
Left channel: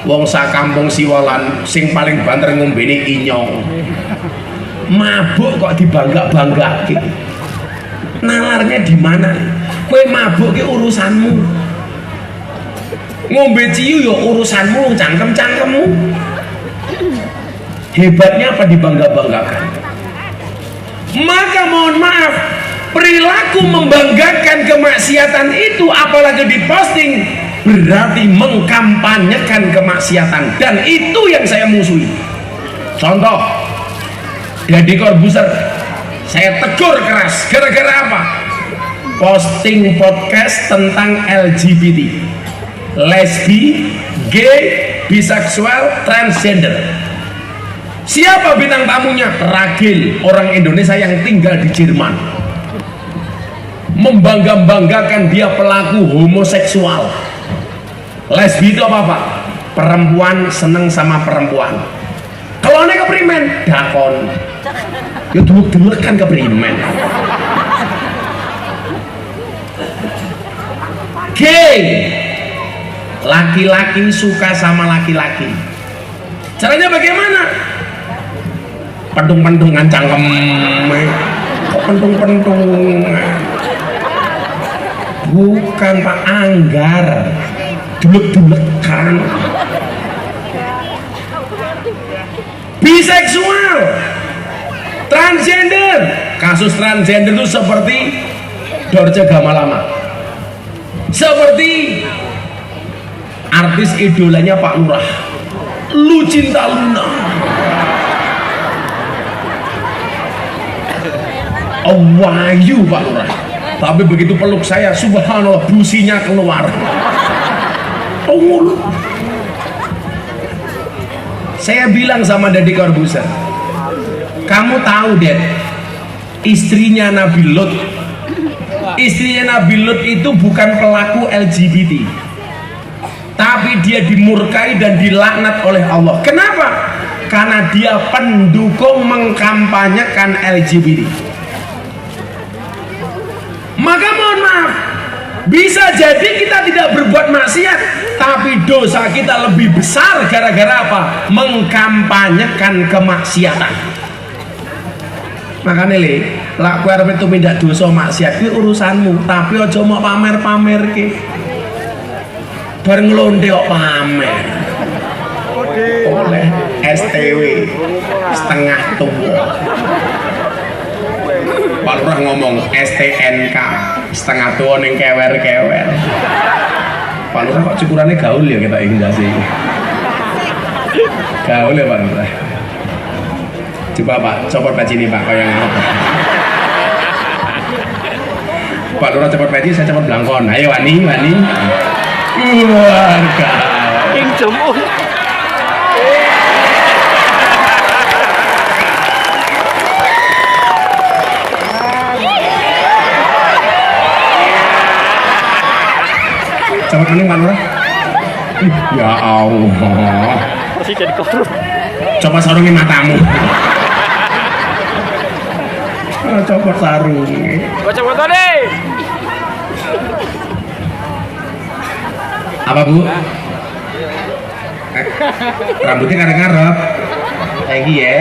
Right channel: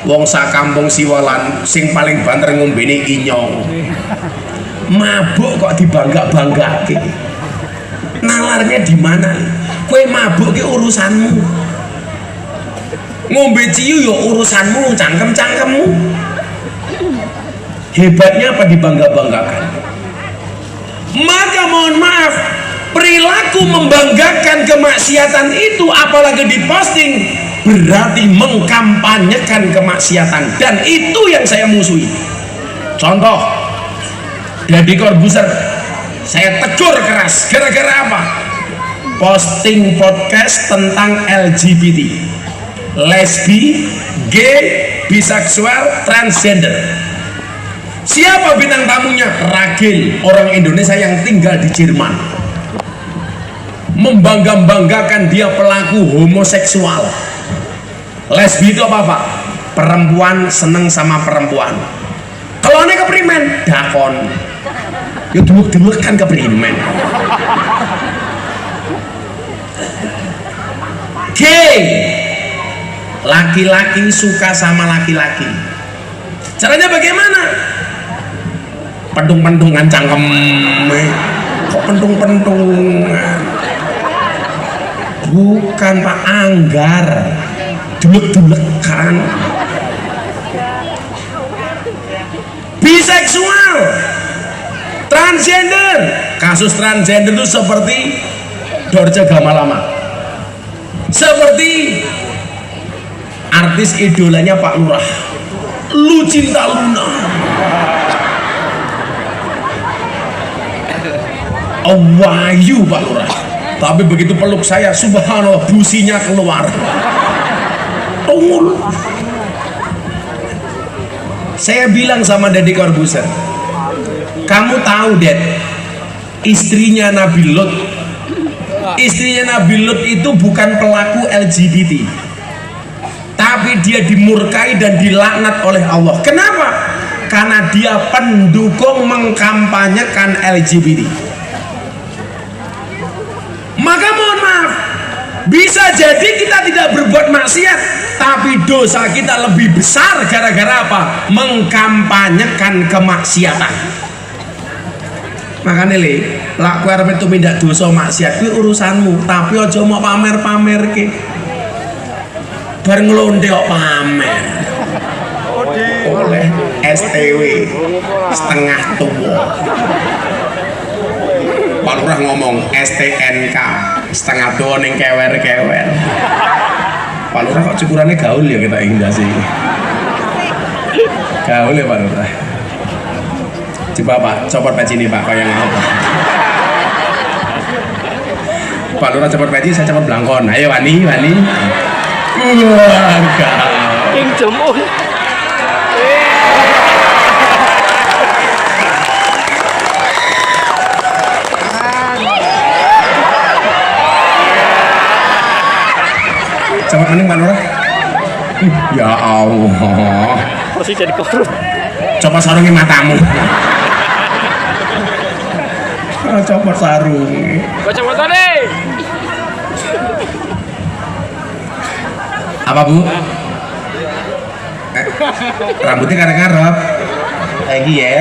wong sak kampung Siwalan sing paling banter ngombene inyong. Mabuk kok dibangga-banggake. Nalarnya di mana? Kue mabuk ke urusanmu, ngombe ciu ya urusanmu, cangkem-cangkemmu. Hebatnya apa dibangga-banggakan? Maka mohon maaf, perilaku membanggakan kemaksiatan itu apalagi diposting berarti mengkampanyekan kemaksiatan, dan itu yang saya musuhi. Contoh, Deddy Corbuzier saya tegur keras gara-gara apa? Posting podcast tentang LGBT. lesbi, gay, biseksual, transgender. Siapa bintang tamunya? Ragil, orang Indonesia yang tinggal di Jerman. Membangga-banggakan dia pelaku homoseksual. Lesbi itu apa? Perempuan seneng sama perempuan. Kalau aneh keprimen, dakon. Ya dulu-dulu kan keprimen. Gay, laki-laki suka sama laki-laki. Caranya bagaimana? Pentung-pentungan cangkem. Kok pentung-pentungan? Bukan Pak, anggar. Dulek-dulekan. Biseksual, transgender. Kasus transgender itu seperti Dorce Gamalama, seperti artis idolanya Pak Lurah, Lucinta Luna. Wahyu Pak Lurah, tapi begitu peluk saya, subhanallah, businya keluar. Tungul. Saya bilang sama Deddy Corbuzier, kamu tahu Ded, istrinya Nabi Lut, itu bukan pelaku LGBT, tapi dia dimurkai dan dilaknat oleh Allah. Kenapa? Karena dia pendukung mengkampanyekan LGBT. Maka mohon maaf, bisa jadi kita tidak berbuat maksiat, tapi dosa kita lebih besar gara-gara apa? Mengkampanyekan kemaksiatan. Makanya le, lak kowe arep tumindak dosa maksiat kuwi urusanmu, tapi aja mau pamer-pamerke. Bar nglonte kok pamer. Oleh STW setengah tua. Pak Lurah ngomong STNK setengah tua ning kewer-kewer. Pak Lurah kok cukurannya gaul ya kita enggak sih? Gaul ya Pak Lurah. Coba Pak, copot peci ini Pak, kayak apa? Pak Lurah copot peci, saya copot belangkon. Ayo Wani. Keluarga. King Jong-un. Coba mending Pak Lurah. Ya Allah. Masih jadi korup. Coba sarungin matamu. Copot sarung. Baca foto deh. Apa Bu? Rambutnya kadang ngarep. Lagi ya.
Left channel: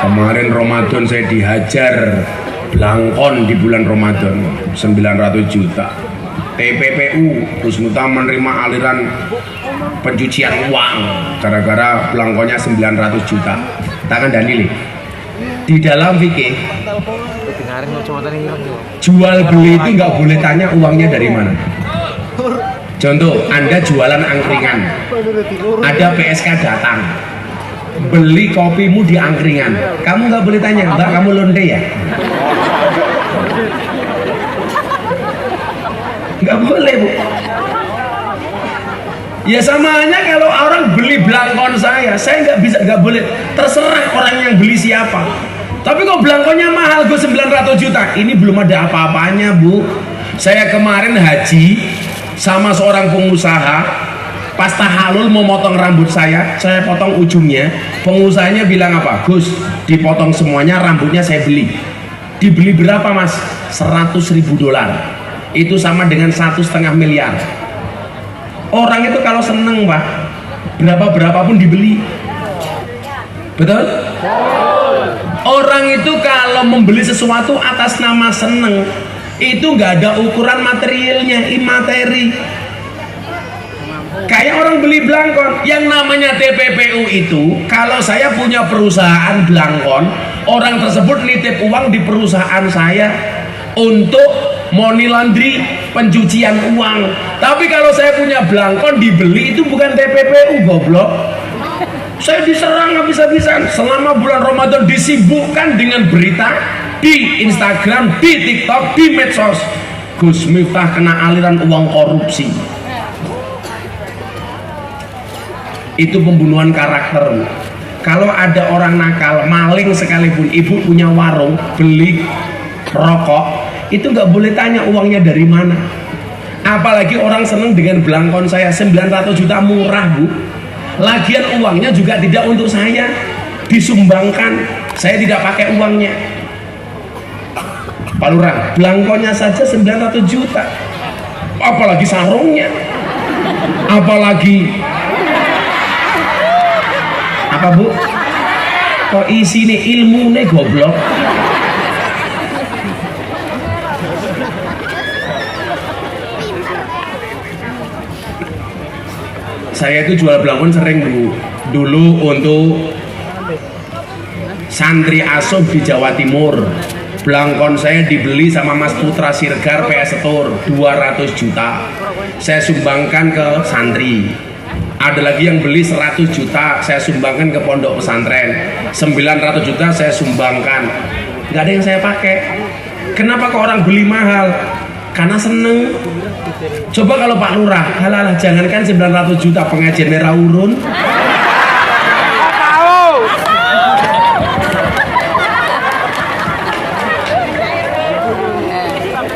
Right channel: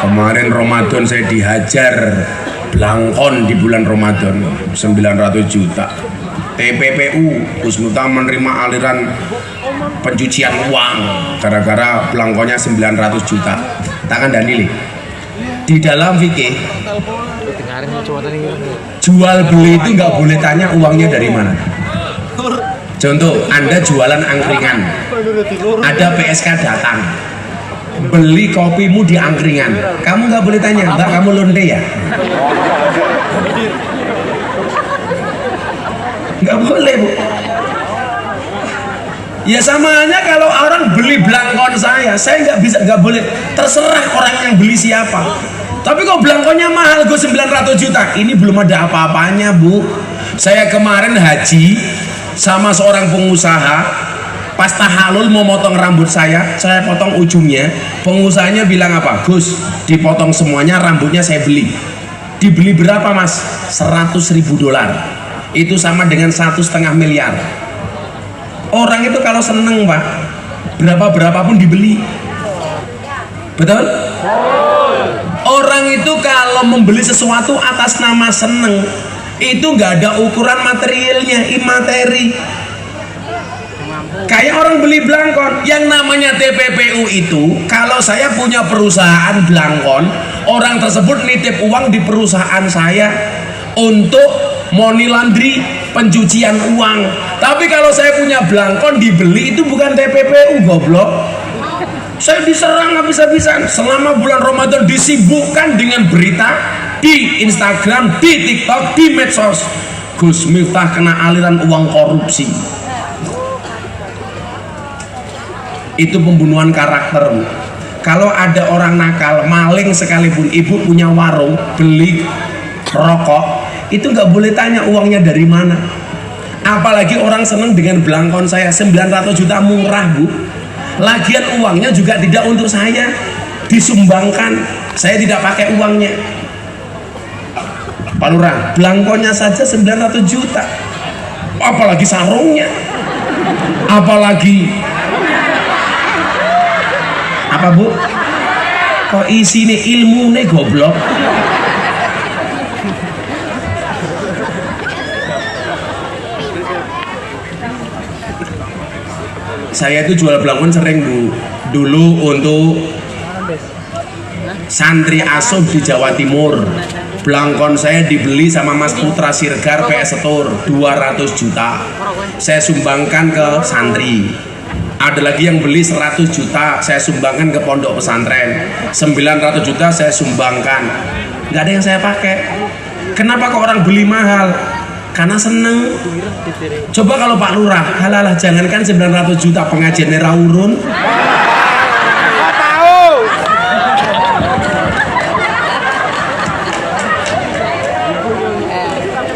Kemarin Ramadan saya dihajar belangkon di bulan Ramadan 900 juta. TPPU Kusnuta menerima aliran pencucian uang gara-gara belangkonnya 900 juta. Tangan Daniel. Di dalam fikih jual beli itu nggak boleh tanya uangnya dari mana. Contoh, Anda jualan angkringan, ada PSK datang beli kopimu di angkringan, kamu nggak boleh tanya, Mbak kamu lonte ya? Nggak boleh Bu. Ya sama aja kalau orang beli belangkon saya nggak boleh, terserah orang yang beli siapa. Tapi kok belangkonnya mahal gue 900 juta, ini belum ada apa-apanya Bu. Saya kemarin haji sama seorang pengusaha, pas tahalul mau motong rambut saya potong ujungnya. Pengusahanya bilang apa? Gus, dipotong semuanya, rambutnya saya beli. Dibeli berapa Mas? $100.000. Itu sama dengan 1,5 miliar. Orang itu kalau seneng Pak, berapapun dibeli. Betul? Orang itu kalau membeli sesuatu atas nama seneng, itu nggak ada ukuran materialnya, imateri. Kayak orang beli belangkon, yang namanya TPPU itu, kalau saya punya perusahaan belangkon, orang tersebut nitip uang di perusahaan saya untuk money laundry, pencucian uang. Tapi kalau saya punya belangkon dibeli, itu bukan TPPU goblok. Saya diserang habis-habisan selama bulan Ramadan, disibukkan dengan berita di Instagram, di TikTok, di medsos. Gus Miftah kena aliran uang korupsi. Itu pembunuhan karakter, Bu. Kalau ada orang nakal, maling sekalipun, ibu punya warung, beli rokok, itu nggak boleh tanya uangnya dari mana. Apalagi orang seneng dengan belangkon saya, 900 juta murah, Bu. Lagian uangnya juga tidak untuk saya, disumbangkan, saya tidak pakai uangnya. Pak Lurah, belangkonnya saja 900 juta, apalagi sarungnya, apalagi apa, Bu? Kok isine ilmune goblok. Saya itu jual belangkon sering, Bu. Dulu untuk santri asuh di Jawa Timur, belangkon saya dibeli sama Mas Putra Sirgar PS Setur 200 juta. Saya sumbangkan ke santri. Ada lagi yang beli 100 juta, saya sumbangkan ke pondok pesantren. 900 juta saya sumbangkan. Nggak ada yang saya pakai. Kenapa kok orang beli mahal? Karena seneng. Coba kalau Pak Lurah, halalah, jangankan 900 juta, pengajian merah urun.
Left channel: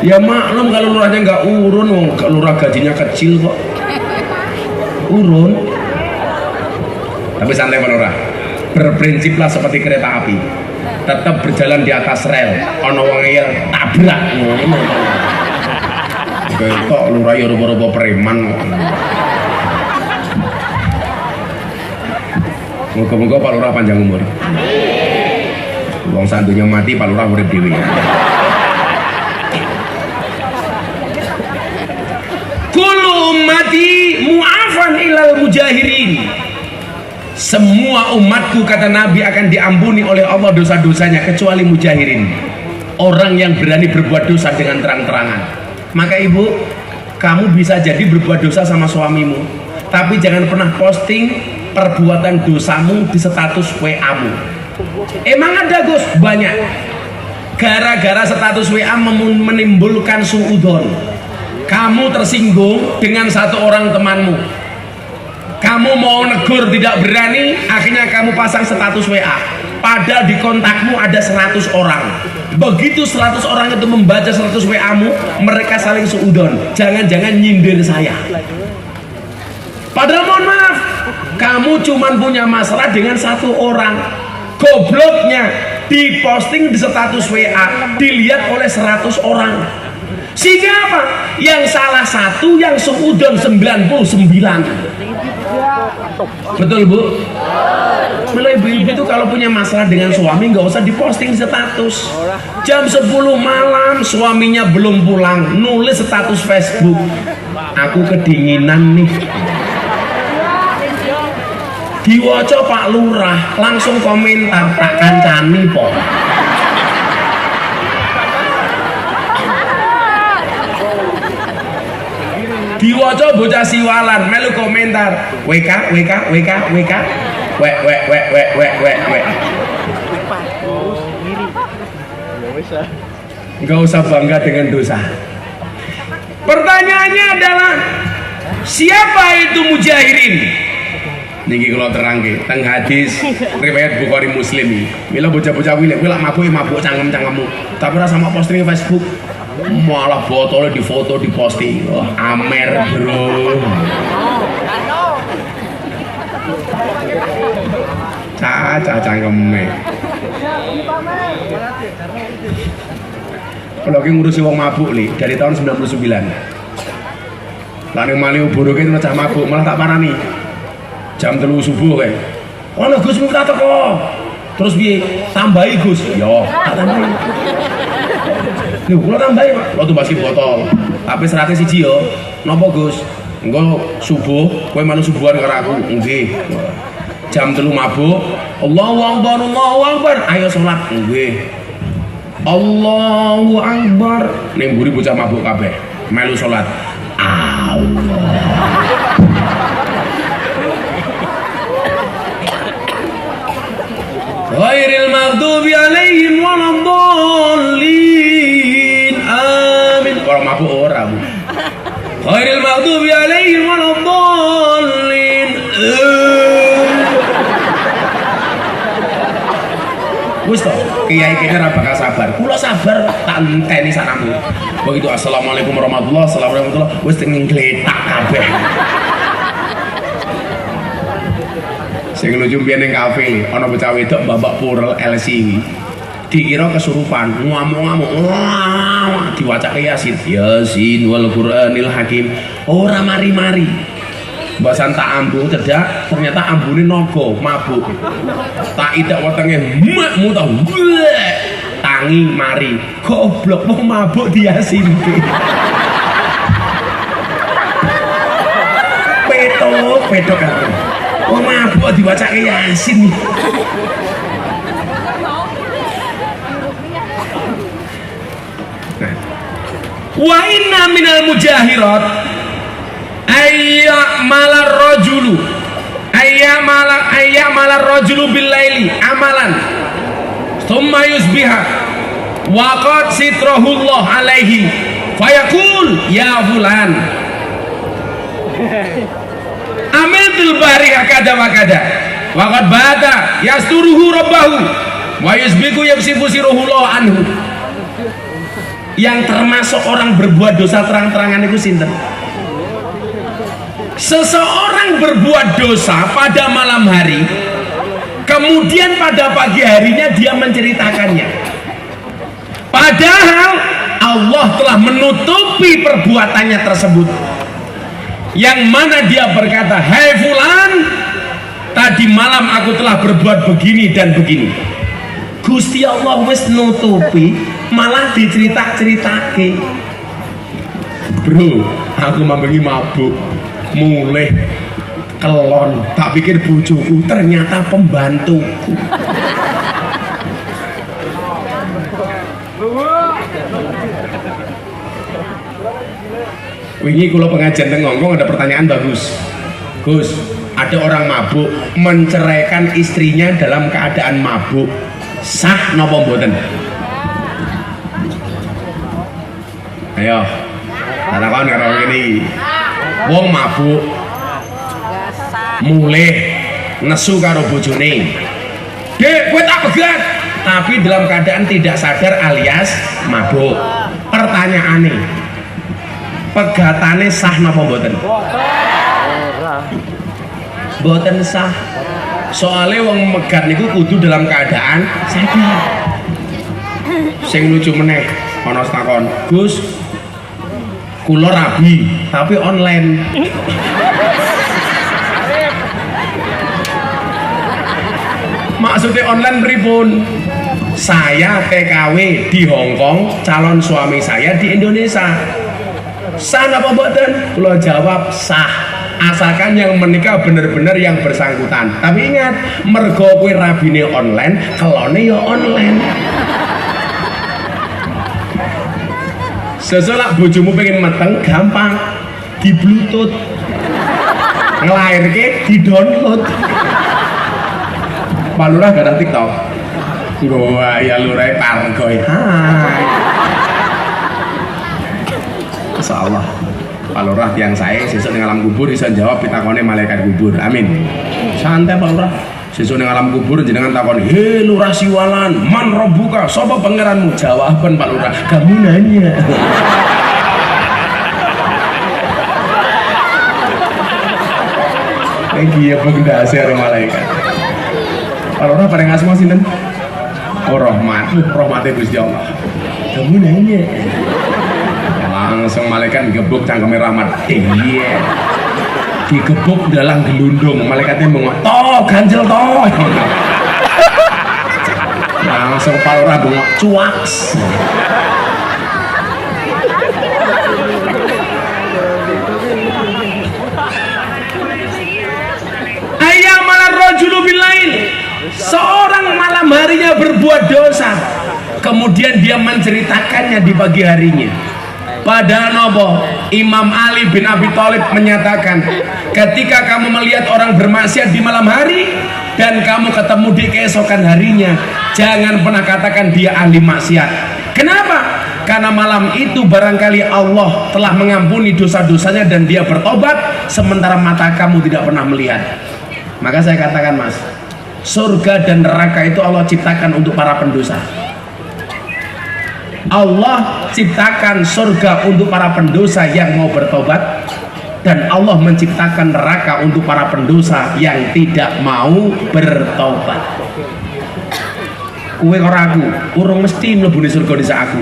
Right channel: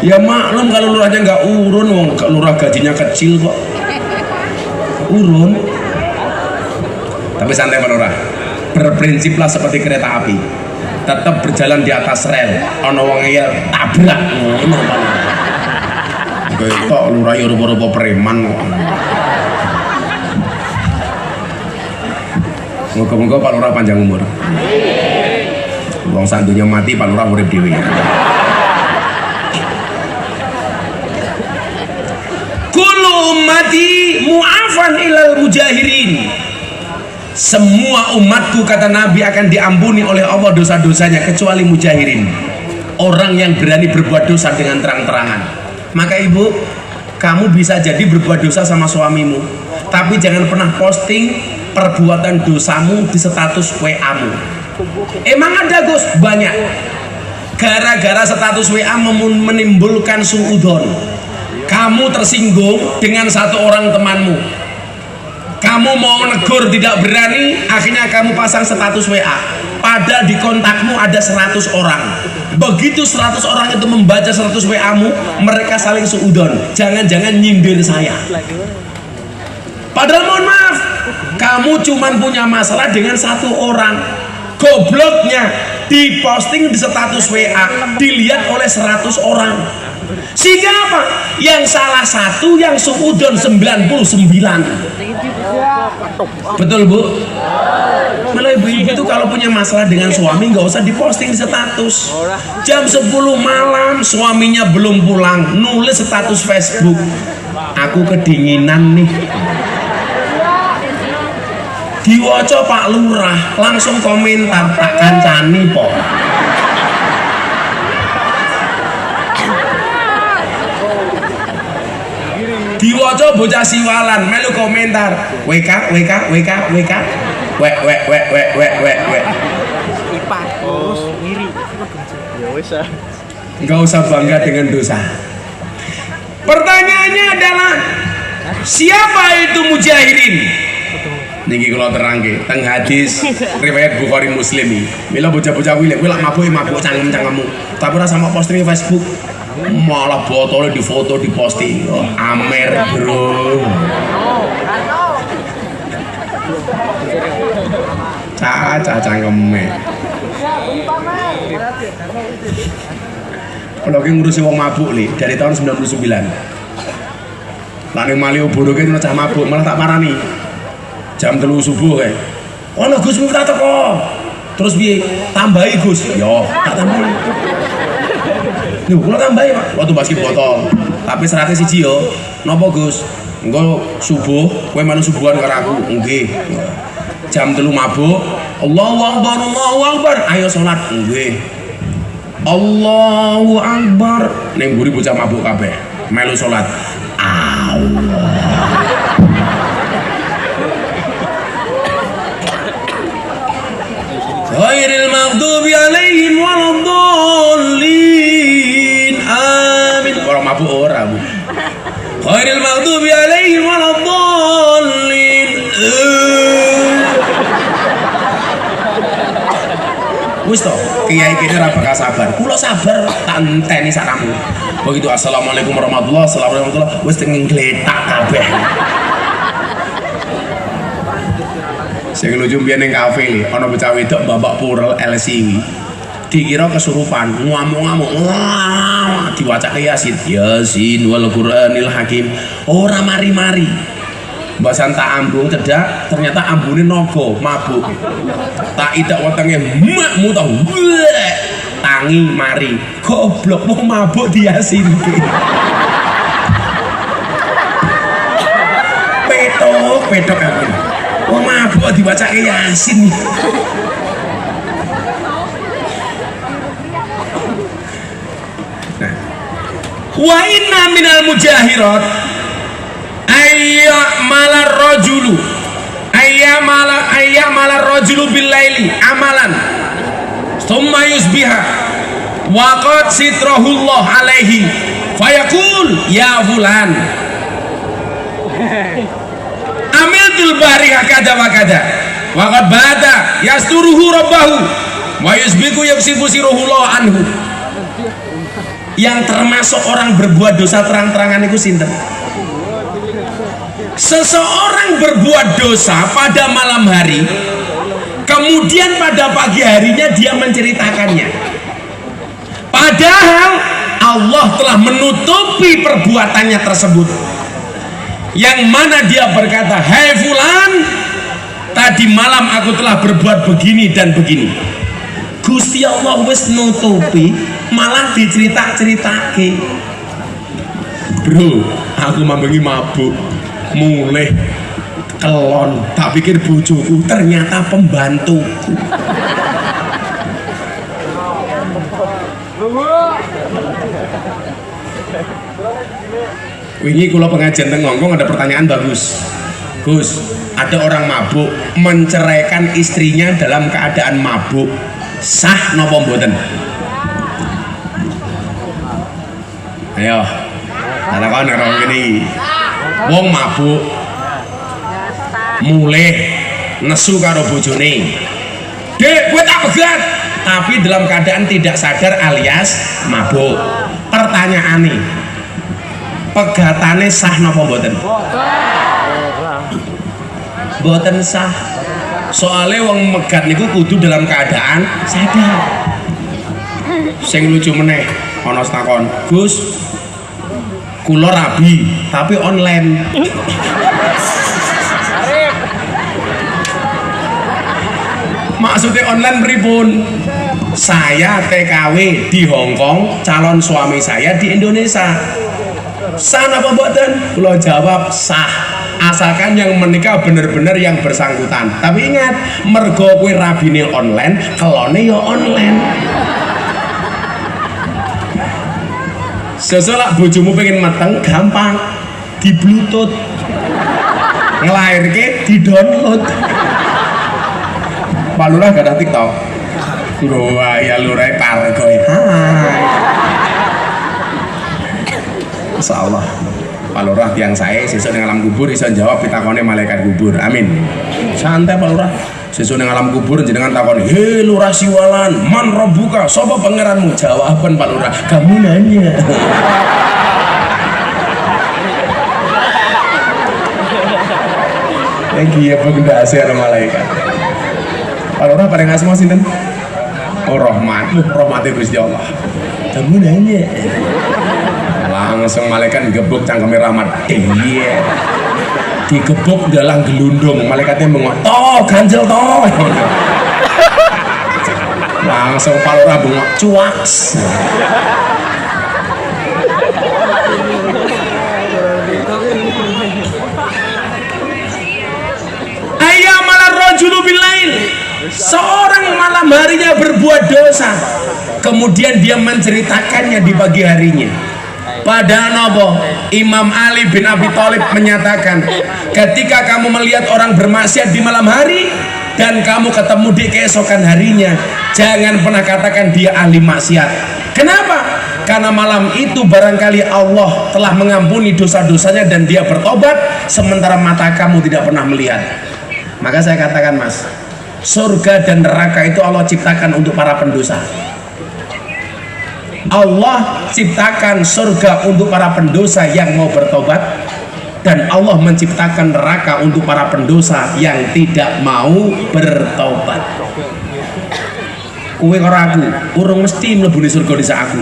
Ya maklum kalau lurahnya nggak urun, wong lurah gajinya kecil kok. Urun. Tapi santai, Pak Lurah. Berprinsiplah seperti kereta api. Tetap berjalan di atas rel. Ono wong ngeyel tabrak ngono. Ketok lurah yo rupa-rupa preman kok. Moga-moga Pak Lurah panjang umur. Wong sandunya mati, Pak Lurah urip dhewe. Ummati mu'afan ilal mujahirin. Semua umatku, kata Nabi, akan diampuni oleh Allah dosa-dosanya kecuali mujahirin, orang yang berani berbuat dosa dengan terang-terangan. Maka ibu, kamu bisa jadi berbuat dosa sama suamimu, tapi jangan pernah posting perbuatan dosamu di status WA-mu. Emang ada, Gus? Banyak. Gara-gara status WA menimbulkan suudzon. Kamu tersinggung dengan satu orang temanmu, kamu mau negur tidak berani, akhirnya kamu pasang status WA, padahal di kontakmu ada 100 orang. Begitu 100 orang itu membaca status WA-mu, mereka saling suudzon, jangan-jangan nyindir saya. Padahal mohon maaf, kamu cuma punya masalah dengan satu orang. Gobloknya diposting di status WA, dilihat oleh 100 orang. Sehingga apa? Yang salah satu, yang suudzon 99. Betul, Bu? Mulai ibu-ibu itu kalau punya masalah dengan suami nggak usah diposting di status. Jam 10 malam suaminya belum pulang, nulis status Facebook, aku kedinginan nih. Diwaca Pak Lurah, langsung komentar, tak kancani po. Diwaca bocah siwalan, melu komentar, WK WK WK WK wek wek wek wek wek wek wek. Nggak usah bangga dengan dosa. Pertanyaannya adalah, siapa itu mujahirin? Niki kalau terang ke, teng hadis riwayat Bukhari Muslim. Mila bocah-bocah wile, wila mabuk cangkem-cangkemmu, tapi rasa mau posting Facebook. Malah botolnya difoto, diposting. Oh, amer bro. Caca cangkeme. Kalau lagi ngurusi wong mabuk li dari tahun 99. Lalu Malioboro itu cah mabuk, malah tak parani. Jam 3 subuh kayak. Oh no Gus Miftah teko. Terus biye tambahi Gus. Yo, tak tambahi. Nih, kalau tambahin waktu basket botol, tapi seratnya siji yo, nopo Gus? Engko subuh, kowe malu subuhan karo aku, nggih. Jam 3 mabuk, Allahu Akbar, ayo sholat, nggih. Allahu Akbar, ning mburi bocah mabuk kabeh, melu sholat. Allah. Ghairil maghdubi alaihim waladdallin. Amin. Kalau mabuk ora, Bu. Ghairil maghdubi alaihim waladdallin. Wis to, kiai kene ora bakal sabar. Kula sabar tak enteni saramu. Begitu assalamualaikum warahmatullahi wabarakatuh. Wis ngletak kabeh. Sing lucu mbiyen ning kafe ana bocah wedok babak purel LC. Dikira kesurupan, ngamuk-ngamuk. Diwacake Yasin. Yasin wal Qur'anil Hakim. Ora mari-mari. Mbak Santa ambu cedak, ternyata ambune naga, mabuk. Tak idak wetenge makmu tau. Tangi mari. Goblok mau mabuk di Yasin. Petok kan. Mau mabuk diwacake Yasin. Wa inna minal mujahirat ayya malar rajulu bil laili amalan thumma yusbiha wa qad sitrahullah alaihi fayaqul ya fulan amiltul bariha kada wa kada wa qad bata yasturuhu rabbahu wa yusbiku yaksifu siruhullah anhu. Yang termasuk orang berbuat dosa terang-terangan itu sinten? Seseorang berbuat dosa pada malam hari, kemudian pada pagi harinya dia menceritakannya. Padahal Allah telah menutupi perbuatannya tersebut. Yang mana dia berkata, "Hai fulan, tadi malam aku telah berbuat begini dan begini." Gusti Allah wis nutupi, malah dicerita-ceritake. Bro, aku mambengi mabuk, mulai kelon, tak pikir bojoku, ternyata pembantuku. Wingi kula pengajian teng Hongkong ada pertanyaan bagus. Gus, ada orang mabuk menceraikan istrinya dalam keadaan mabuk. Sah napa mboten? Ayo, takon karo ngene iki. Wong mabuk mulai nesu karo bojone. Dek, kowe tak pegat. Tapi dalam keadaan tidak sadar alias mabuk. Pertanyaane, pegatane sah napa mboten? Mboten sah. Soalnya wong megat niku kudu dalam keadaan sadar. Sing lucu meneh ana takon, "Gus, kula rabi tapi online." Maksudnya online pripun? Saya TKW di Hongkong, calon suami saya di Indonesia. Sah apa mboten? Kula jawab sah. Asalkan yang menikah bener-bener yang bersangkutan. Tapi ingat, mergo kuwi rabine online, kelone ya online. Sesolak bojomu pengen mateng gampang, di bluetooth, ngelairke di download. Pak Lurah gak ada TikTok? Wah ya lurai pargoy. Insyaallah Pak Lurah yang saya sesuk ning alam kubur bisa jawab pitakone malaikat kubur. Amin. Santai Pak Lurah. Sesuk ning alam kubur jenengan takon, "He Lurah Siwalan, man rabbuka? Sapa pangeranmu?" Jawaban Pak Lurah, "Kamu nanya." Lagi ya pengdasi ada malaikat. Pak Lurah paling asma sinten? Oh rahmat, rahmatnya Gusti Allah. Kamu nanya. Langsung malaikat digebuk cangkeme rahmat. Iya. Digebuk dalam gelundung, malaikatnya bengok, "Toh, ganjel toh." Langsung Pak Lurah bengok, "Cuaks." Ayyamalar rajulu billail. Seorang malam harinya berbuat dosa, kemudian dia menceritakannya di pagi harinya. Padahal nopo Imam Ali bin Abi Thalib menyatakan, ketika kamu melihat orang bermaksiat di malam hari dan kamu ketemu di keesokan harinya, jangan pernah katakan dia ahli maksiat. Kenapa? Karena malam itu barangkali Allah telah mengampuni dosa-dosanya dan dia bertobat, sementara mata kamu tidak pernah melihat. Maka saya katakan, Mas, Surga dan neraka itu Allah ciptakan untuk para pendosa. Allah ciptakan surga untuk para pendosa yang mau bertobat, dan Allah menciptakan neraka untuk para pendosa yang tidak mau bertobat. Kowe karo aku urung mesti mlebu surga dhisik aku.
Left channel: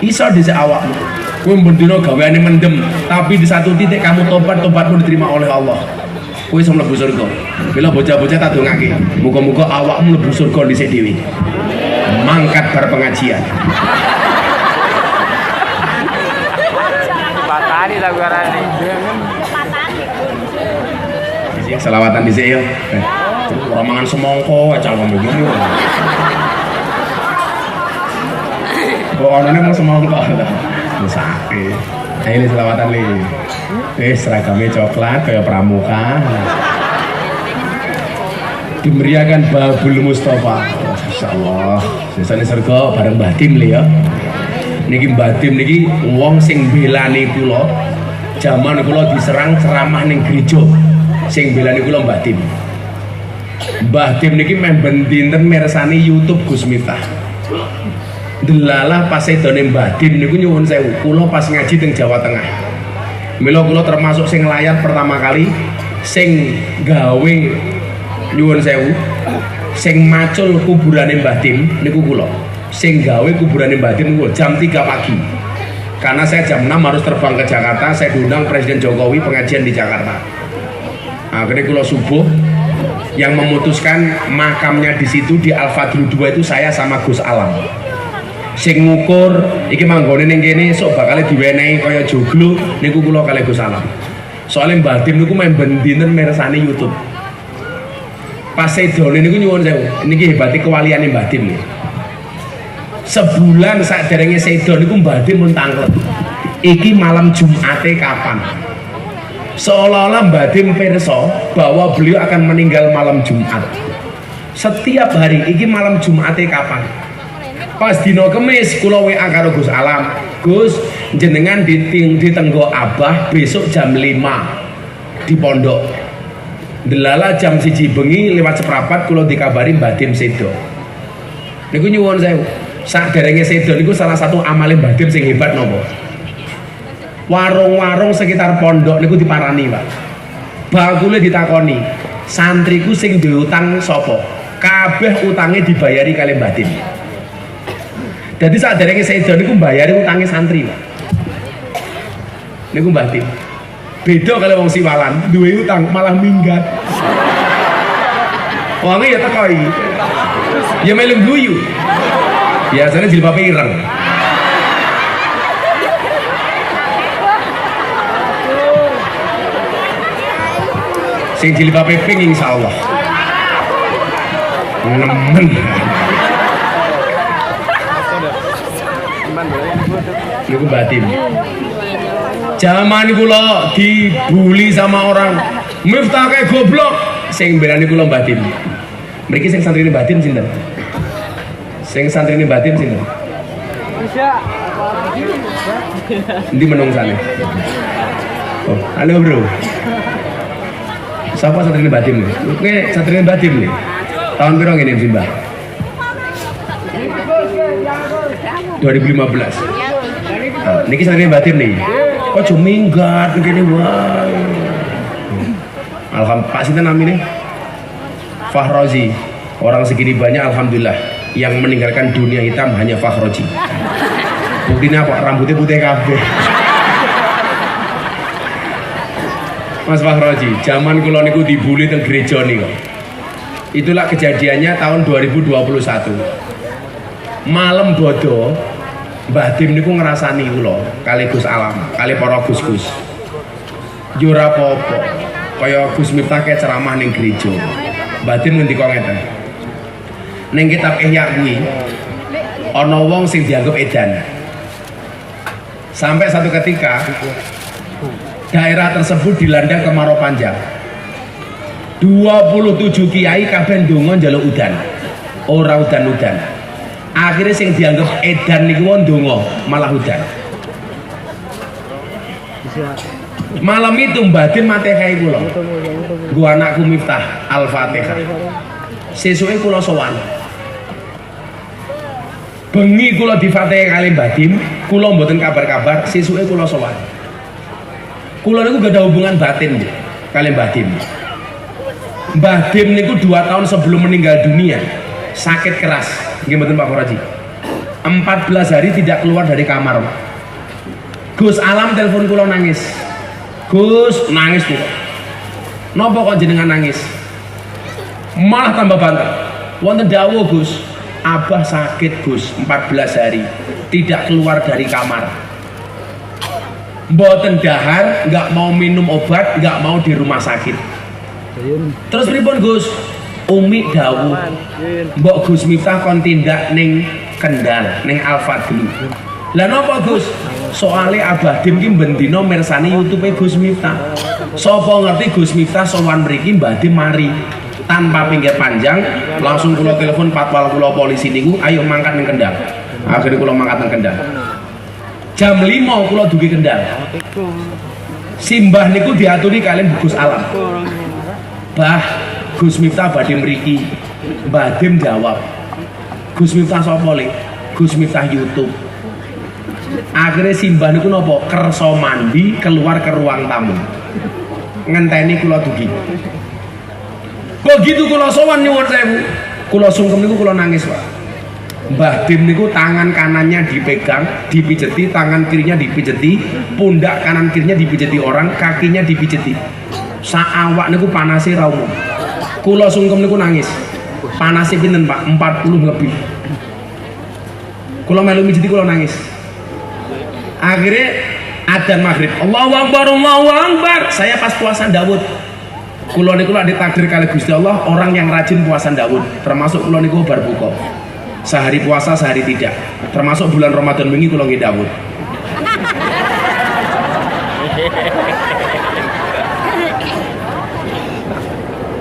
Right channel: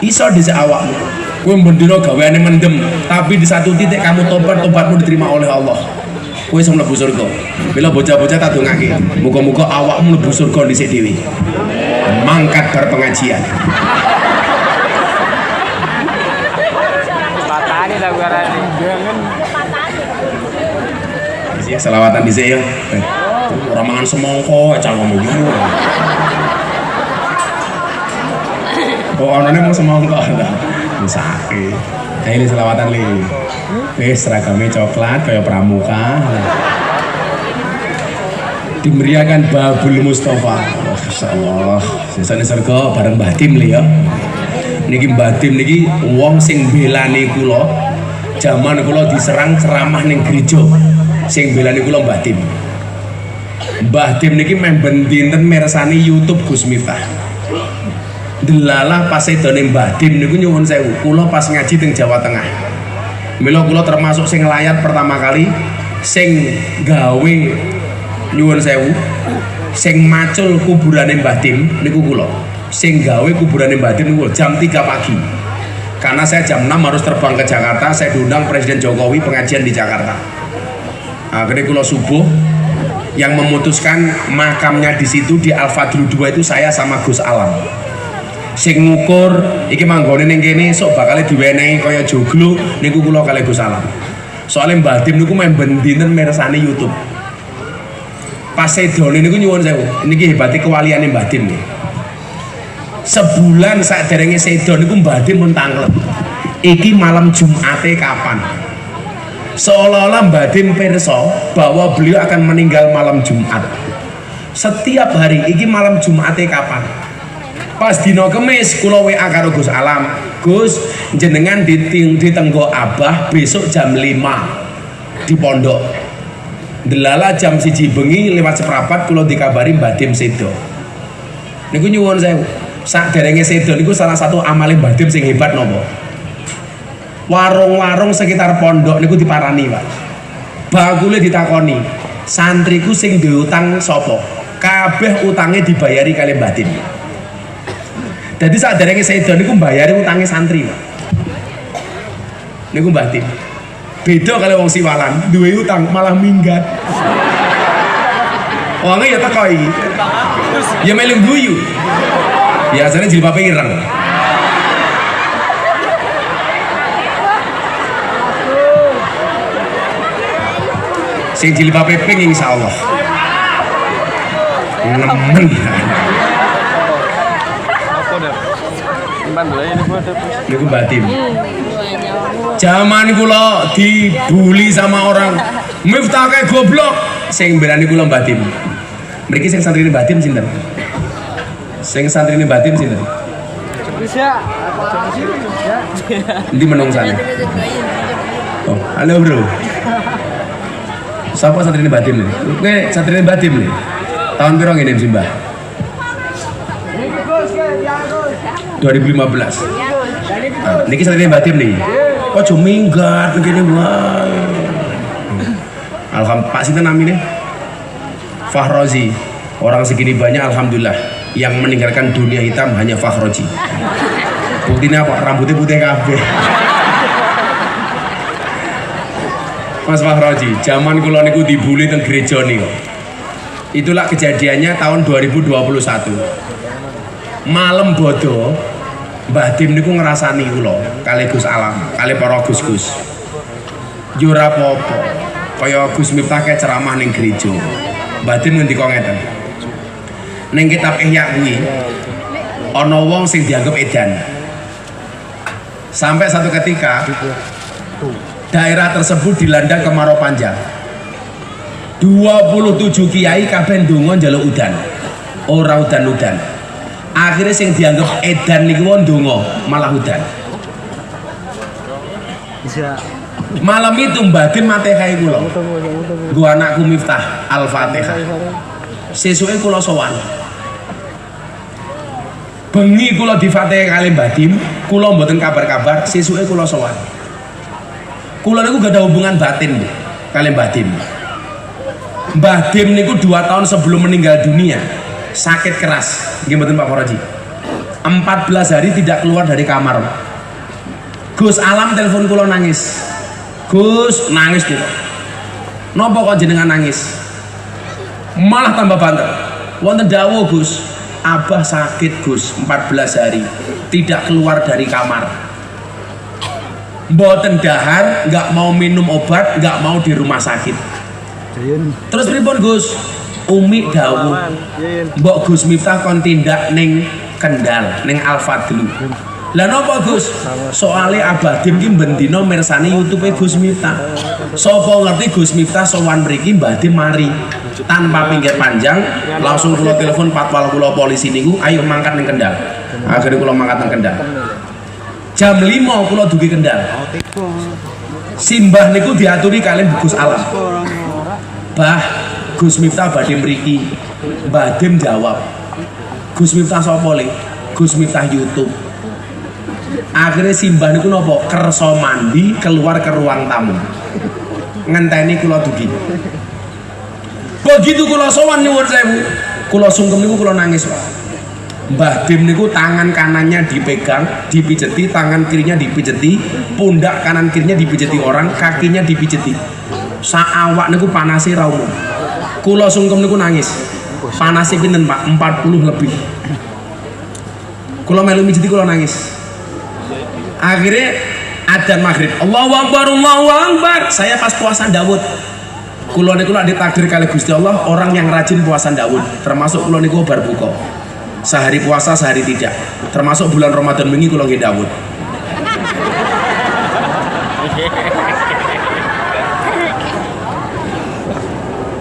Iso dhisik awakmu. Kowe mbendina gaweane mendem, tapi di satu titik kamu tobatmu diterima oleh Allah. Kowe iso mlebu surga. Bila bocah-bocah tak dongake, muga-muga awakmu mlebu surga dhisik dhewe. Mangkat bar pengajian. Batani lah guaran nih. Ya selawatan dhisik ya. Ora mangan semongko aja ngomong ngono. Oh, onone mau semongko. Wis akeh. Ini selawatan li. Seragamnya coklat kayak pramuka. Dimeriahkan Babul Mustafa. Oh, Masya Allah. Sesane surga bareng Mbah Tim li ya. Niki Mbah Tim niki wong sing belani kula. Jaman kula diserang ceramah ning gereja. Sing belani kula Mbah Tim. Mbah Tim niki memben dinten mirsani YouTube Gus Miftah. Delalah pas edone Mbah Tim niku nyuwun sewu. Kula pas ngaji teng Jawa Tengah. Mila kula termasuk sing layar pertama kali sing gawe nyuwun sewu. Sing macul kuburane Mbah Tim niku kula. Sing gawe kuburane Mbah Tim niku jam 3 pagi. Karena saya jam 6 harus terbang ke Jakarta, saya diundang Presiden Jokowi pengajian di Jakarta. Akhirnya kula subuh yang memutuskan makamnya di situ di Al-Fadlu 2 itu saya sama Gus Alam. Sing ngukur iki manggone ning kene sok bakal diwenehi kaya joglo niku kula kalih Gus Alam. Soale Mbah Tim niku main dinten mirsani YouTube. Pas sedone niku nyuwun sewu, niki hebate kewaliane Mbah Tim. Sebulan saderenge sedo niku Mbah Tim mun tanglet. Iki malam Jumate kapan? Seolah-olah Mbah Tim pirsa bahwa beliau akan meninggal malam Jumat. Setiap hari iki malam Jumate kapan? Pas dino Kemis kula WA karo Gus Alam. Gus, jenengan ditenggo Abah besok jam 5 di pondok. Delala jam 1 bengi lewat seprapat kula dikabari Mbah Tim sedo. Niku nyuwun sewu. Saderenge sedo niku salah satu amale Mbah Tim sing hebat napa? Warung-warung sekitar pondok niku diparani, Pak. Bakule ditakoni, santriku sing duwe utang sapa? Kabeh utange dibayari kali Mbah Tim. Jadi saat dari saya niku mbayari utangnya santri. Niku Mbah Tim. Beda kalau wong siwalan, duwe utang malah minggat. Wonge ya teko iki. Ya melu guyu. Biasanya jilbabe ireng. Sing jilbabe pink insyaallah. Nemen. Niku Mbah Tim. Zaman kula dibully sama orang, Miftah kayak goblok. Sing berani kula Mbah Tim. Mriki sing santrine Mbah Tim sinten? Sing santrine Mbah Tim sinten? Ndi menung sana. Oh, halo bro. Siapa santrine Mbah Tim nih? Kowe santrine Mbah Tim nih. Tahun piro ngene Mbah? 2015. Niki santrine Mbah Tim nih. Kok cuma minggat begini wae. Alhamdulillah, Pak sinten namine? Fahrozi. Orang segini banyak alhamdulillah yang meninggalkan dunia hitam hanya Fahrozi. Buktinya apa? Rambutnya putih kabeh. Mas Fahrozi, zaman kula niku dibully teng gereja niku. Itulah kejadiannya tahun 2021. Malam bodo Mbah Tim niku ngrasani kula kali Gus Alam, kali para Gus-gus. Yo ora apa-apa. Kaya Gus Miftah ke ceramah ning gereja. Mbah Tim ngendika ngeten. Ning kitab Ihya kuwi ana wong sing dianggap edan. Sampai satu ketika daerah tersebut dilanda kemarau panjang. 27 kiai kabeh ndonga njaluk udan. Ora udan-udan. Akhirnya sing dianggap edan niku ndonga malah udan. Malam itu Mbah Tim Fatihah kula. Nggo anakku Miftah Al-Fatihah. sesuke kula sowan. Bengi kula difatih kali Mbah Dim, kula mboten kabar-kabar, sesuke kula sowan. Kula niku gak ada hubungan batin kali Mbah Dim. Mbah Dim niku 2 tahun sebelum meninggal dunia sakit keras, nggih mboten Pak Koroji. 14 hari tidak keluar dari kamar. Gus Alam telepon kula nangis. Gus nangis nih kok. Napa kok jenengan nangis? Malah tambah banter. Wonten dawuh Gus, Abah sakit Gus 14 hari tidak keluar dari kamar. Mboten dahar, nggak mau minum obat, nggak mau di rumah sakit. Terus pripun Gus? Umi dawuh, Mbok Gus Miftah kon tindak ning Kendal, ning Al-Fadli. Lah napa Gus? Soale Abah Dim ki bendina mirsani YouTube Gus Miftah. Sapa ngerti Gus Miftah sowan mriki Mbah Dim mari. Tanpa pinggir panjang, langsung kula telepon patwal kula polisi niku, ayo mangkat ning Kendal. Akhirnya kula mangkat ning Kendal. Jam 5 kula dugi Kendal. Simbah niku diaturi kalian Gus Alam. Bah, Gus Miftah badhe mriki. Mbah Dim jawab, Gus Miftah sapa le? Gus Miftah YouTube. Akhirnya simbah niku napa? Kersa mandi keluar ke ruang tamu. Ngenteni kula dugi. Begitu kula sowan nyuwun sewu, kula sungkem niku kula nangis, Pak. Mbah Dim niku tangan kanannya dipegang, dipijeti, tangan kirinya dipijeti, pundak kanan kirinya dipijeti orang, kakinya dipijeti. Saawak niku panase ra umum. Kula sungkem niku nangis. Panase pinten, Pak? 40 lebih. Kula melu mijeti kula nangis. Akhirnya adzan maghrib, Allahu Akbar, Allahu Akbar. Saya pas puasa Daud. Kula niku lak ditakdir kali Gusti Allah orang yang rajin puasa Daud. Termasuk kula niku bar buka. Sehari puasa, sehari tidak. Termasuk bulan Ramadan wingi kula nggih Daud.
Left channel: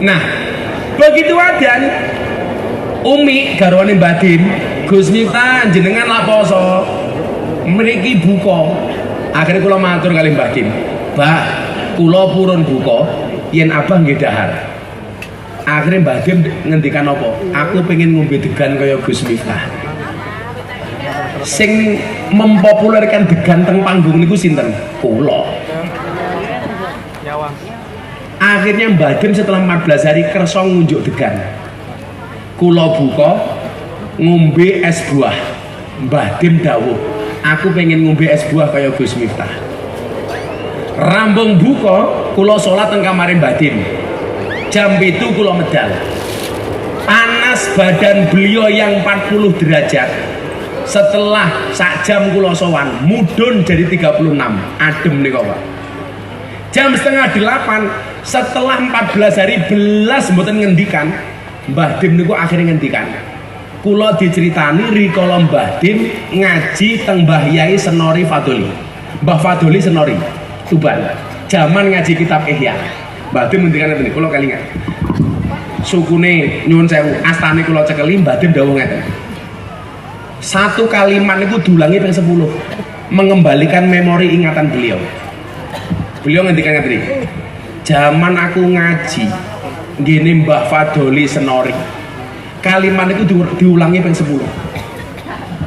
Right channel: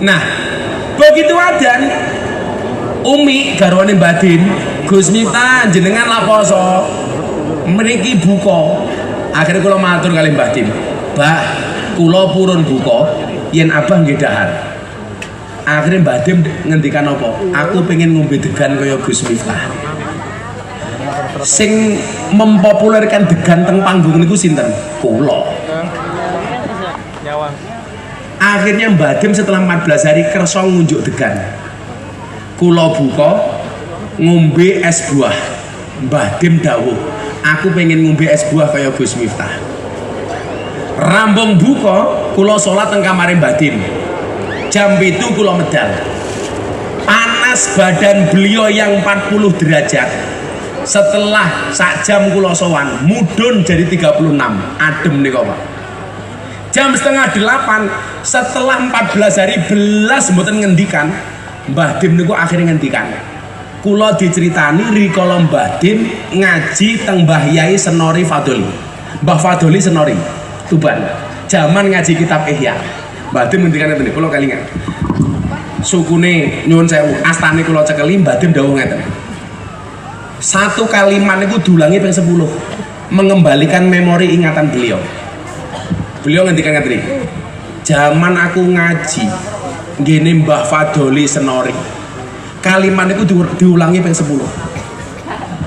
Nah, begitu adzan Umi garwane Mbah Dim, Gus Miftah jenengan lak poso. Mriki buka. Akhirnya kula matur kali Mbah Dim, Mbah, kula purun buka yen Abah nggih dahar. Akhirnya Mbah Dim ngendikan apa? Aku pengen ngombe degan kaya Gus Miftah. Sing mempopulerkan degan teng panggung niku sinten? Kula. Akhirnya Mbah Dim setelah 14 hari kersa ngunjuk degan. Kula buka ngombe es buah. Mbah Dim dawuh, aku pengen ngombe es buah kaya Gus Miftah. Rambung buka, kula sholat teng kamare Mbah Dim. Jam itu kula medal. Panas badan beliau yang 40 derajat. Setelah sak jam kula sowan, mudun jadi 36. Adem nih Pak. Jam setengah 8, setelah 14 hari belas mboten ngendikan, Mbah Dim niku akhirnya ngendikan. Kula diceritani rikala Mbah Dim ngaji teng Mbah Yai Senori Fadoli. Mbah Fadoli Senori Tuban. Zaman ngaji kitab Ihya. Mbah Dim ngendikan ngeten, kula kelingan. Sukune nyuwun sewu, astane kula cekeli Mbah Dim dawuh ngeten. Satu kalimat niku diulangi ping 10. Mengembalikan memori ingatan beliau. Beliau ngendikan ngeten. Zaman aku ngaji ngene Mbah Fadoli Senori. Kalimat itu diulangi ping 10.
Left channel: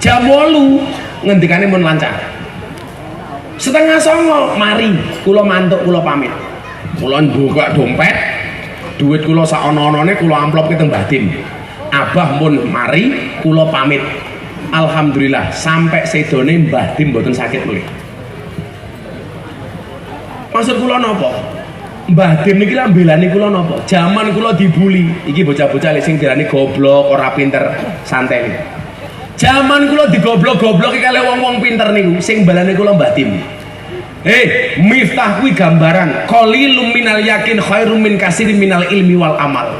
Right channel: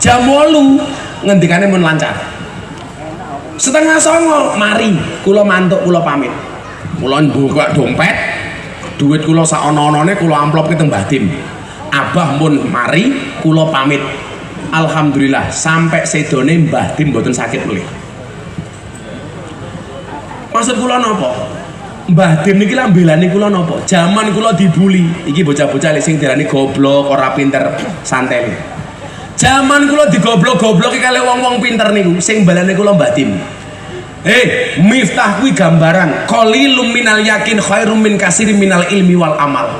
Jam 8 ngendikane mun lancar. Setengah 9 mari kula mantuk kula pamit. Kula mbuka dompet, duit kula sak ana-anane kula amplopke teng Mbah Dim. Abah mun mari kula pamit. Alhamdulillah sampai sedone Mbah Dim mboten sakit lho. Maksud kula napa? Mbah Dim niki lah mbelani kula napa? Zaman kula dibuli, iki bocah-bocah sing diarani goblok, ora pinter, santai. Zaman kula digoblok-gobloki kali wong-wong pinter niku, sing balane kula Mbah Dim. Miftah kuwi gambaran, qalilum minal yakin khairum min katsirin minal ilmi wal amal.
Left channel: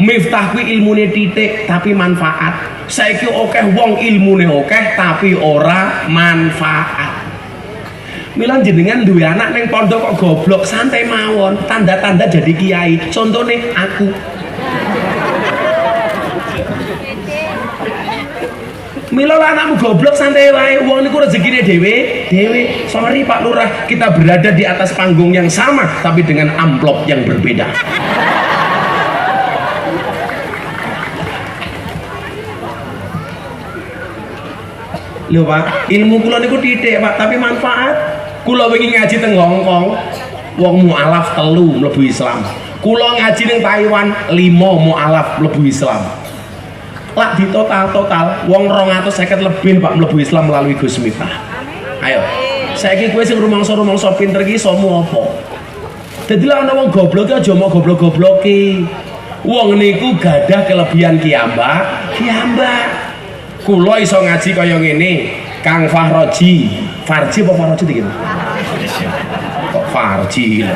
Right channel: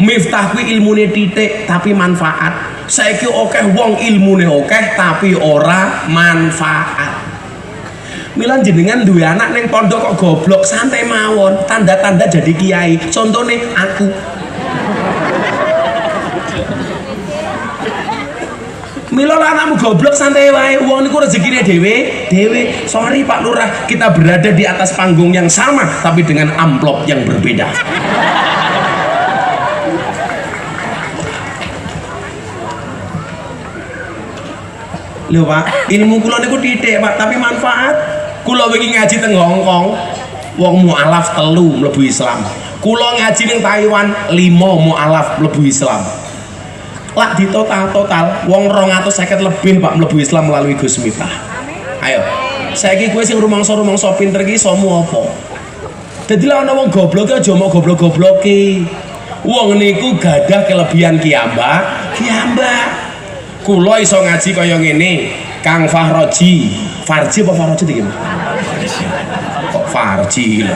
Miftah kuwi ilmune titik tapi manfaat. Saiki akeh wong ilmune akeh tapi ora manfaat. Mila jenengan duwe anak neng pondok kok goblok, santai mawon, tanda-tanda jadi kiai. Contohnya aku. Mila anakmu goblok, santai wae, wong niku rezekine dhewe. Sorry Pak Lurah, kita berada di atas panggung yang sama tapi dengan amplop yang berbeda. Lho Pak, ilmu kula niku titik Pak, tapi manfaat. Kula wingi ngaji teng Hong Kong, wong mualaf 3 mlebu Islam. Kula ngaji ning Taiwan 5 mualaf mlebu Islam. Lak di total wong 250 lebih Pak mlebu Islam melalui Gus Miftah. Ayo, saiki kowe sing rumangsa pinter iki somu apa? Dadi lek ana wong goblok aja mau goblok-gobloki. Wong niku gadah kelebihan kiambak. Kula iso ngaji kaya ngene, Kang Fahroji. Farji apa Fahroji iki? Kok Farji lho.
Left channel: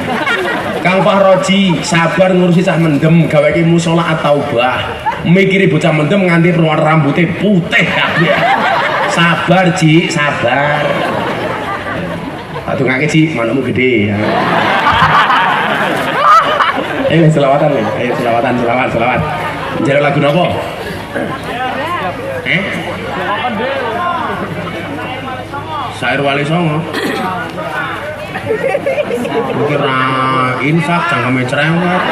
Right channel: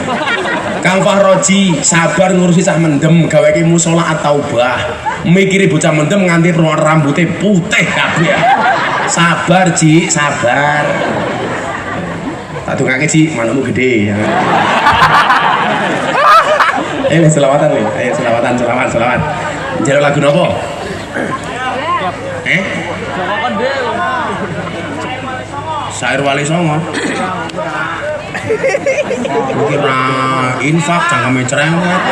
Kang Fahroji sabar ngurusi cah mendem gaweke musala at-taubah. Mikiri bocah mendem nganti rambutnya putih kabeh. Sabar Ji, sabar. Tak dongake Ji, manukmu gede. Ayo selawatan ya. Ayo selawat. Njaluk lagu napa? Syair Wali Songo. Kira infak cangkeme cerewet.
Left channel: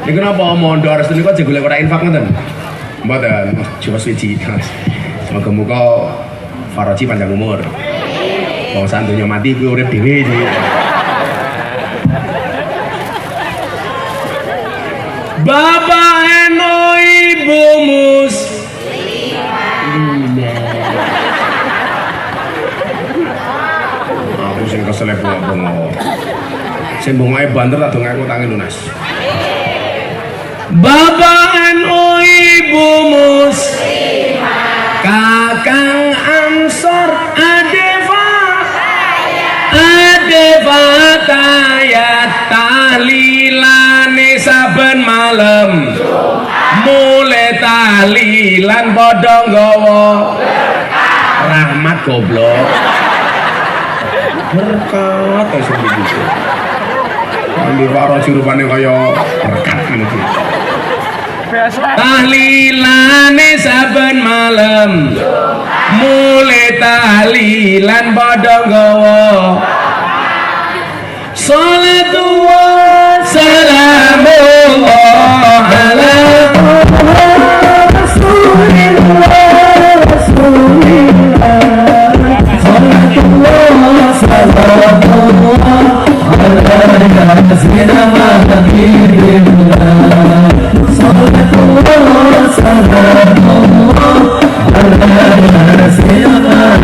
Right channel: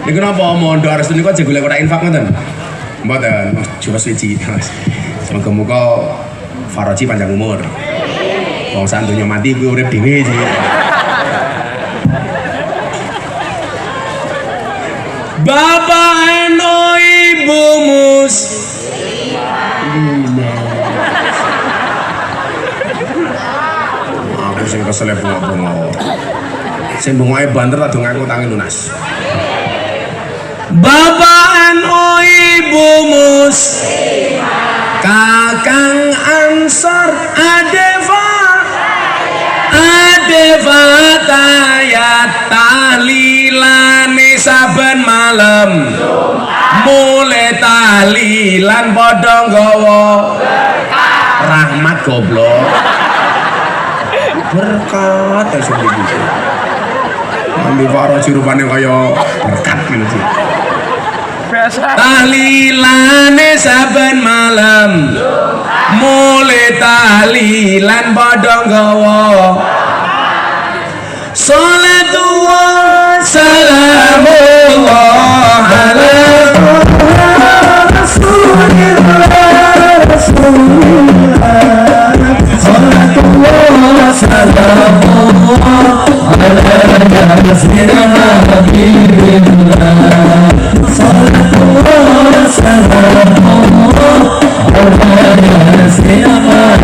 Ini kenapa mondo harus dulu aja golek ora infak ngoten? Mboten, coba suci. Semoga-moga Faraji panjang umur. Wong sak donya mati kuwi urip dhewe iki. Bapak eno ibu mus. Aku sing kesel bengok. Sing bengoke banter tak dong aku tangi lunas. Bapak eno ibu mus. Kakang Ansor Adeva tayat tahlilane saben malam mulai tahlilan padha nggawa rahmat goblok berkat terus begitu ambil Faraji rupane kaya berkat gitu tahlilane saben malam mulai tahlilan padha nggawa salatu wa salamullah ala rasulillah salatu wa salamullah ala rasulillah salatu wa salamullah ala rasulillah.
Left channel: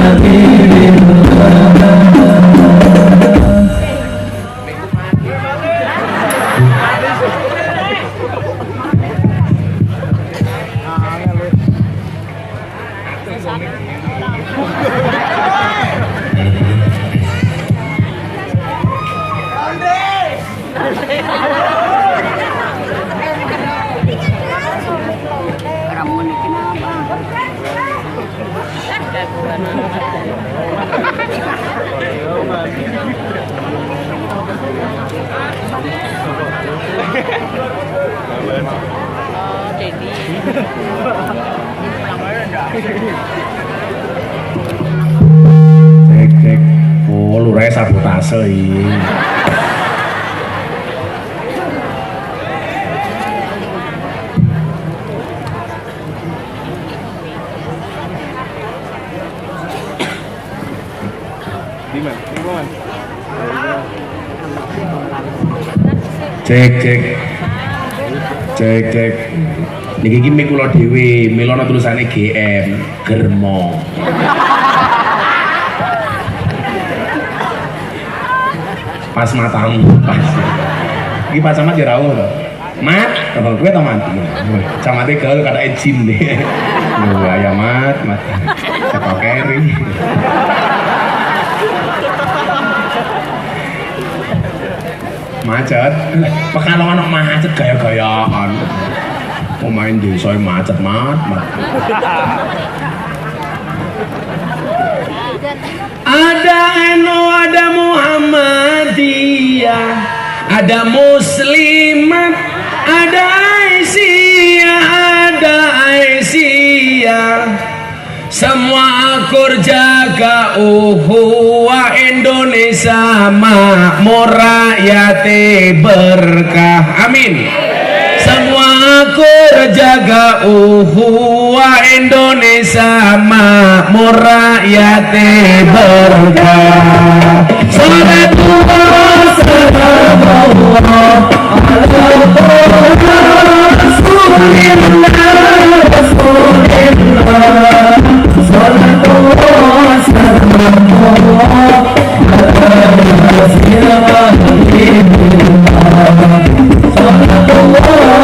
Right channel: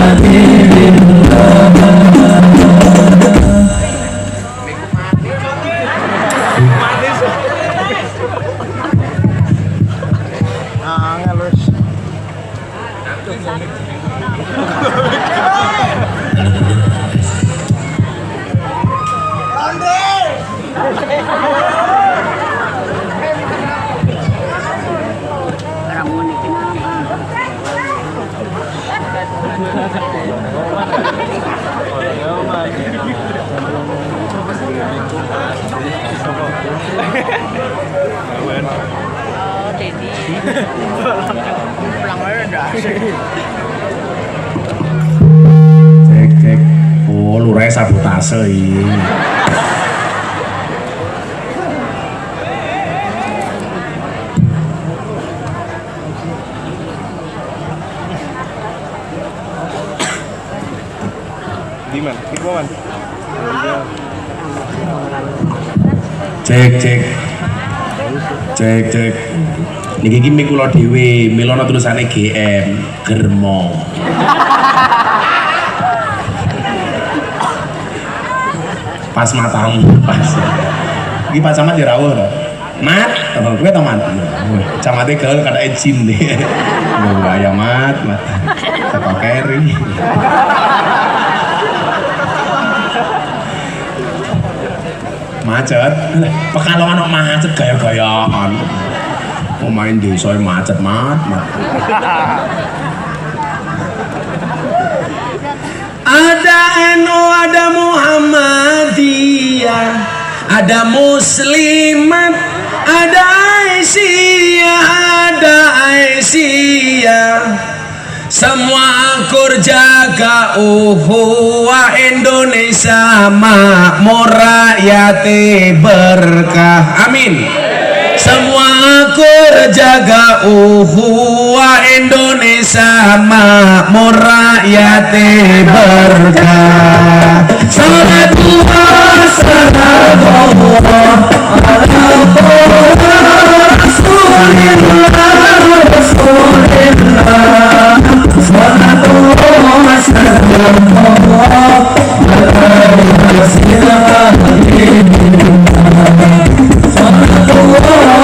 Cek. Oh, lurah sabotase iki. Cek. Niki iki mik kula dhewe, milana tulisane GM, Germo. Pas matamu, pas. Iki Pak Camat ya rawuh to. Mat, kowe to Mat. Camate gaul kata izin deh. Lho ya Mat. Teko keri. Macet, Pekalongan kok macet gaya-gayaan. Oh main desa macet mat. Ada NU, ada Muhammadiyah, ada Muslimat, ada Aisyah. Semua akur jaga uhuwah Indonesia makmur rakyat berkah. Amin. Semua syukur jaga uhuwa Indonesia makmur rakyat berkah. Salatullah salamullah ala Rasulillah Rasulillah. Salatullah salamullah ala Rasulillah. Salatullah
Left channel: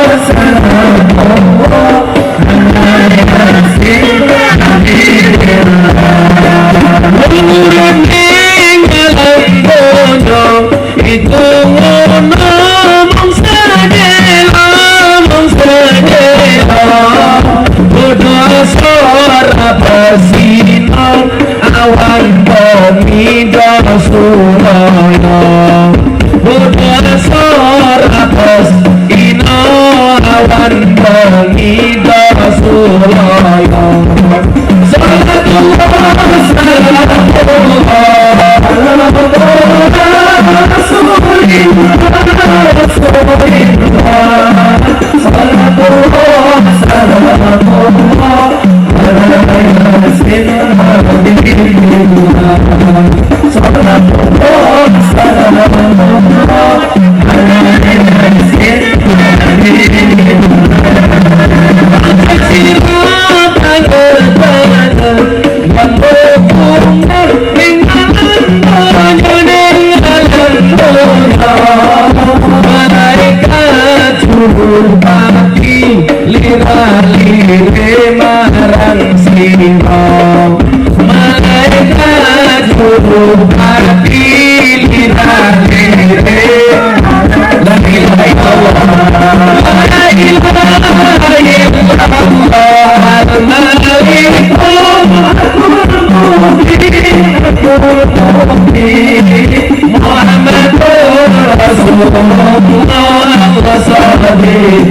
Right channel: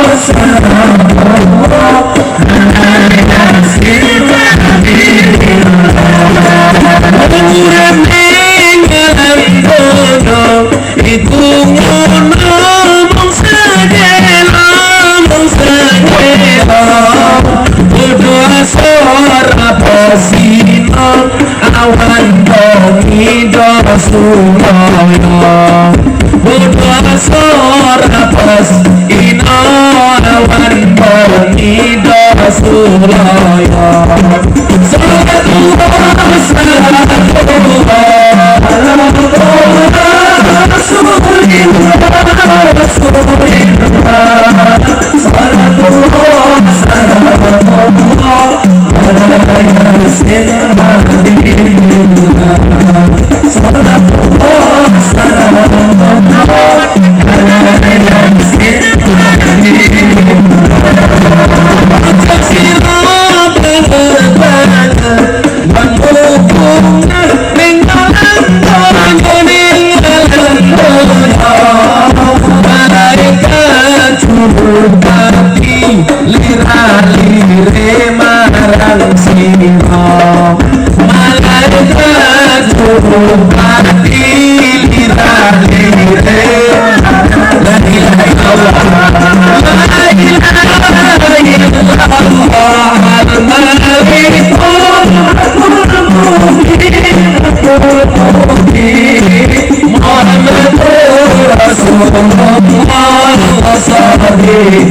salamullah itu ngomong segala bodoh suara persinan awan pemido Rasulullah. Bodoh suara persinan awan pemido Rasulullah. Salatullah salamullah lirah-lire marang sira malaikat juru hati lirah-lire la ilaha illallah la ilaha illallah Muhammadur Rasulullah wa sahbihi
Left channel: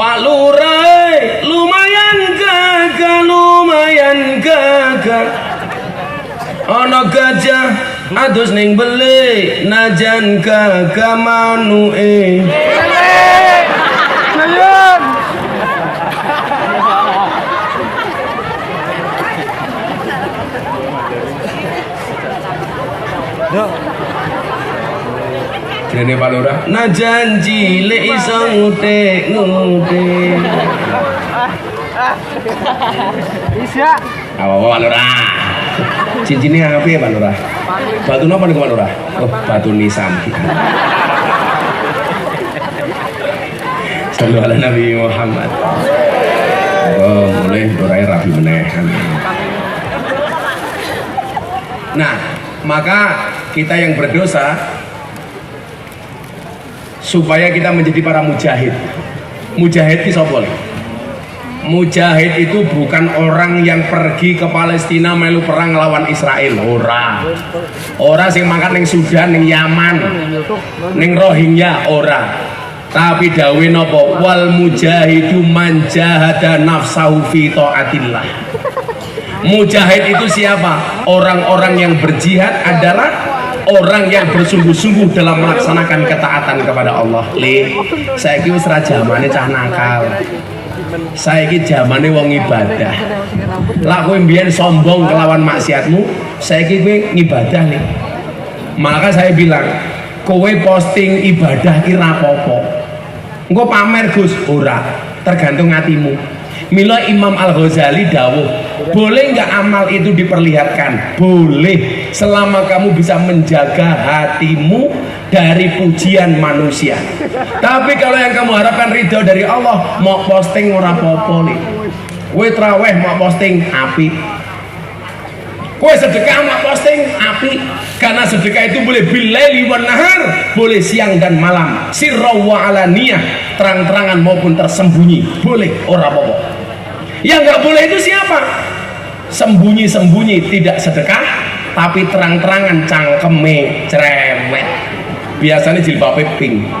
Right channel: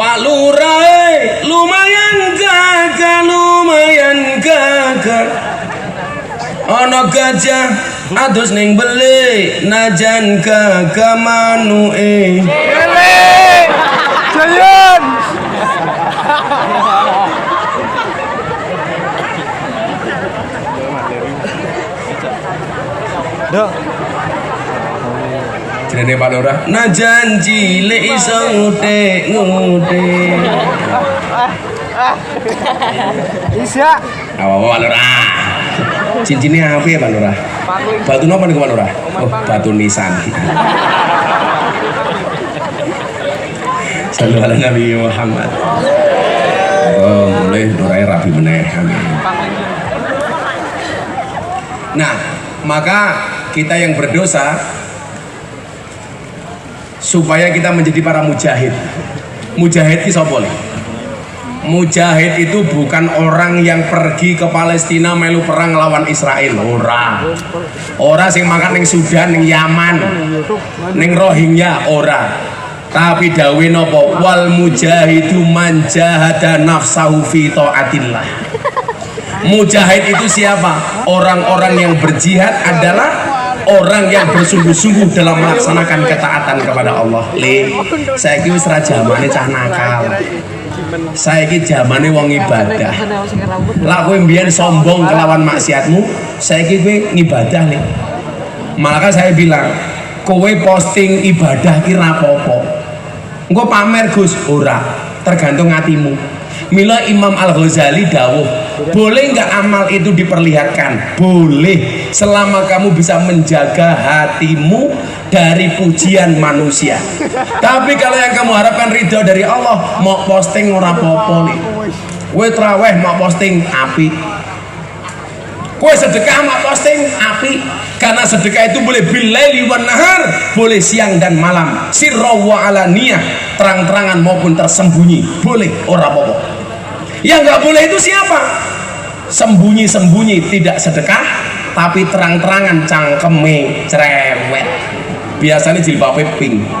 Pak Lurah, lumayan gagah. Ana gajah adus ning beli, najan gagah manuke. Jayan. Dene Pak Lurah, najan cilik iso ngutik. Bisa. Apa Pak Lurah? Cincinnya apa ya Pak Lurah? Batu apa nih Pak Lurah? Oh, batu nisan. Sallallahu ala Nabi Muhammad. Oh, boleh mulai rapi meneh. Nah, maka kita yang berdosa supaya kita menjadi para mujahid. Mujahid itu sapa? Mujahid itu bukan orang yang pergi ke Palestina melu perang lawan Israel, ora sing mangkat ning Sudan, ning Yaman, ning Rohingya, ora. Tapi dawe napa? Wal mujahidu man jahada nafsahu fi taatillah. Mujahid itu siapa? Orang-orang yang berjihad adalah orang yang bersungguh-sungguh dalam melaksanakan ketaatan kepada Allah. Saiki wis ra jamane cah nakal. Saiki jamane wong ibadah. Lah kowe mbiyen sombong kelawan maksiatmu, saiki kowe ngibadah nih. Maka saya bilang, kowe posting ibadah ki ra apa-apa. Engko pamer Gus, ora, tergantung hatimu. Mila Imam Al-Ghazali dawuh, boleh nggak amal itu diperlihatkan? Boleh, selama kamu bisa menjaga hatimu dari pujian manusia. Tapi kalau yang kamu harapkan ridho dari Allah, mau posting ora apa-apa nih. Kowe traweh mau posting api. Kowe sedekah mau posting api. Karena sedekah itu boleh bilaili wan nahar, boleh siang dan malam, sirra wa alaniyah, terang-terangan maupun tersembunyi, boleh, ora apa-apa. Yang nggak boleh itu siapa? Sembunyi-sembunyi tidak sedekah, tapi terang-terangan cangkeme cerewet. Biasanya jilbabnya pink.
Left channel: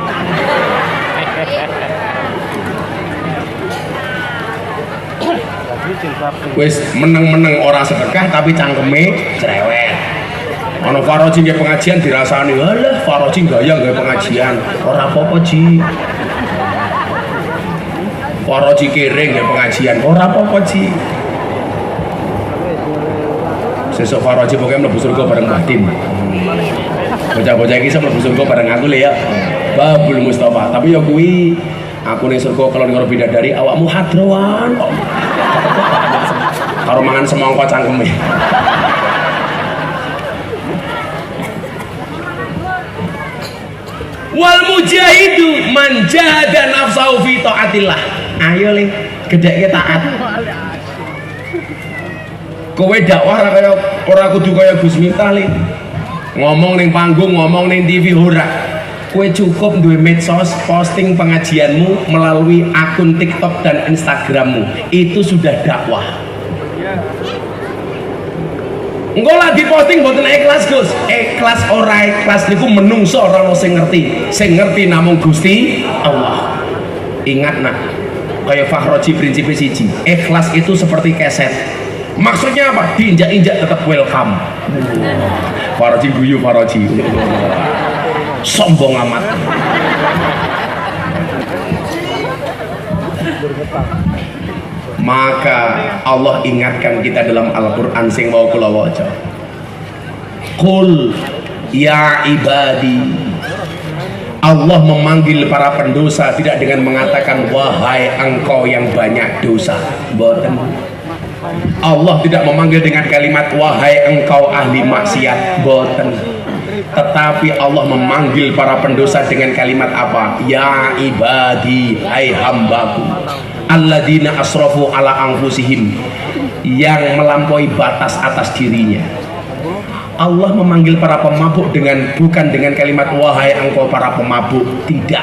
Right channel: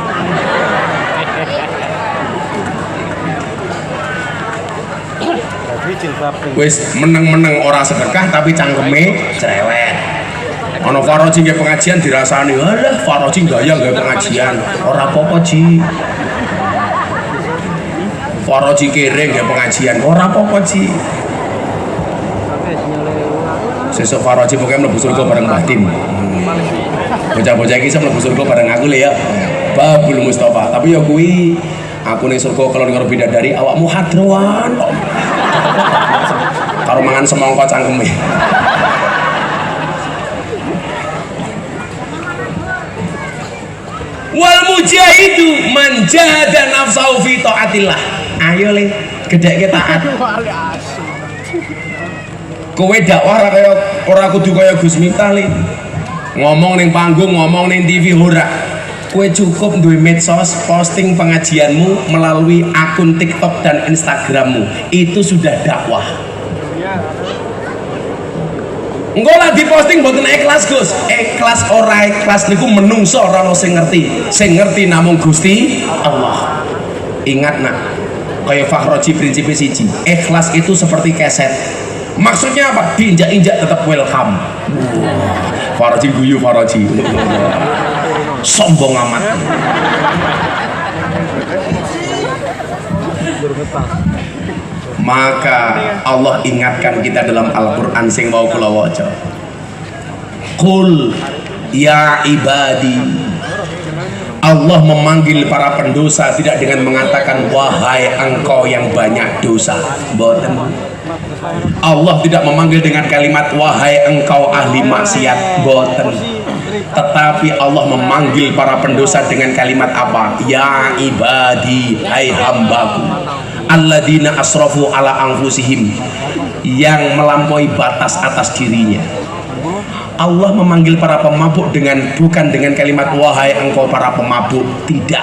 Wis meneng-meneng ora sedekah tapi cangkeme cerewet. Ono Faroji nggih pengajian dirasani, alah Faroji gaya nggih pengajian, ora apa-apa Ji. Faroji kere nggih pengajian, ora apa-apa Ji. Sesuk Faroji pokoknya mlebu surga bareng Mbah Tim. Bocah-bocah iki iso mlebu surga bareng aku lho ya. Babul Mustafa, tapi ya kuwi aku ning surga kalau karo bidadari awakmu hadroan. Karo mangan semangka cangkeme. Wal mujahidu man jahada nafsahu fi taatillah. Ayo le, gedheke taat. Kowe dakwah ora kudu kaya Gus Miftah le. Ngomong ning panggung, ngomong ning TV ora. Kowe cukup duwe medsos, posting pengajianmu melalui akun TikTok dan Instagrammu. Itu sudah dakwah. Engko lah diposting mboten ikhlas Gus. Ikhlas ora ikhlas niku menungso ora ono sing ngerti. Sing ngerti namung Gusti Allah. Ingat nak, kaya Fakhroji prinsipnya siji. Ikhlas itu seperti keset. Maksudnya apa? Diinjak-injak tetap welcome. Fakhroji guyu Fakhroji. Sombong amat. Maka Allah ingatkan kita dalam Al-Quran sing mau kula waca. Qul ya ibadi. Allah memanggil para pendosa tidak dengan mengatakan wahai engkau yang banyak dosa. Mboten. Allah tidak memanggil dengan kalimat wahai engkau ahli maksiat. Mboten. Tetapi Allah memanggil para pendosa dengan kalimat apa? Ya ibadi, hai hambaku, alladzina asrafu ala anfusihim, yang melampaui batas atas dirinya. Allah memanggil para pemabuk bukan dengan kalimat wahai engkau para pemabuk, tidak.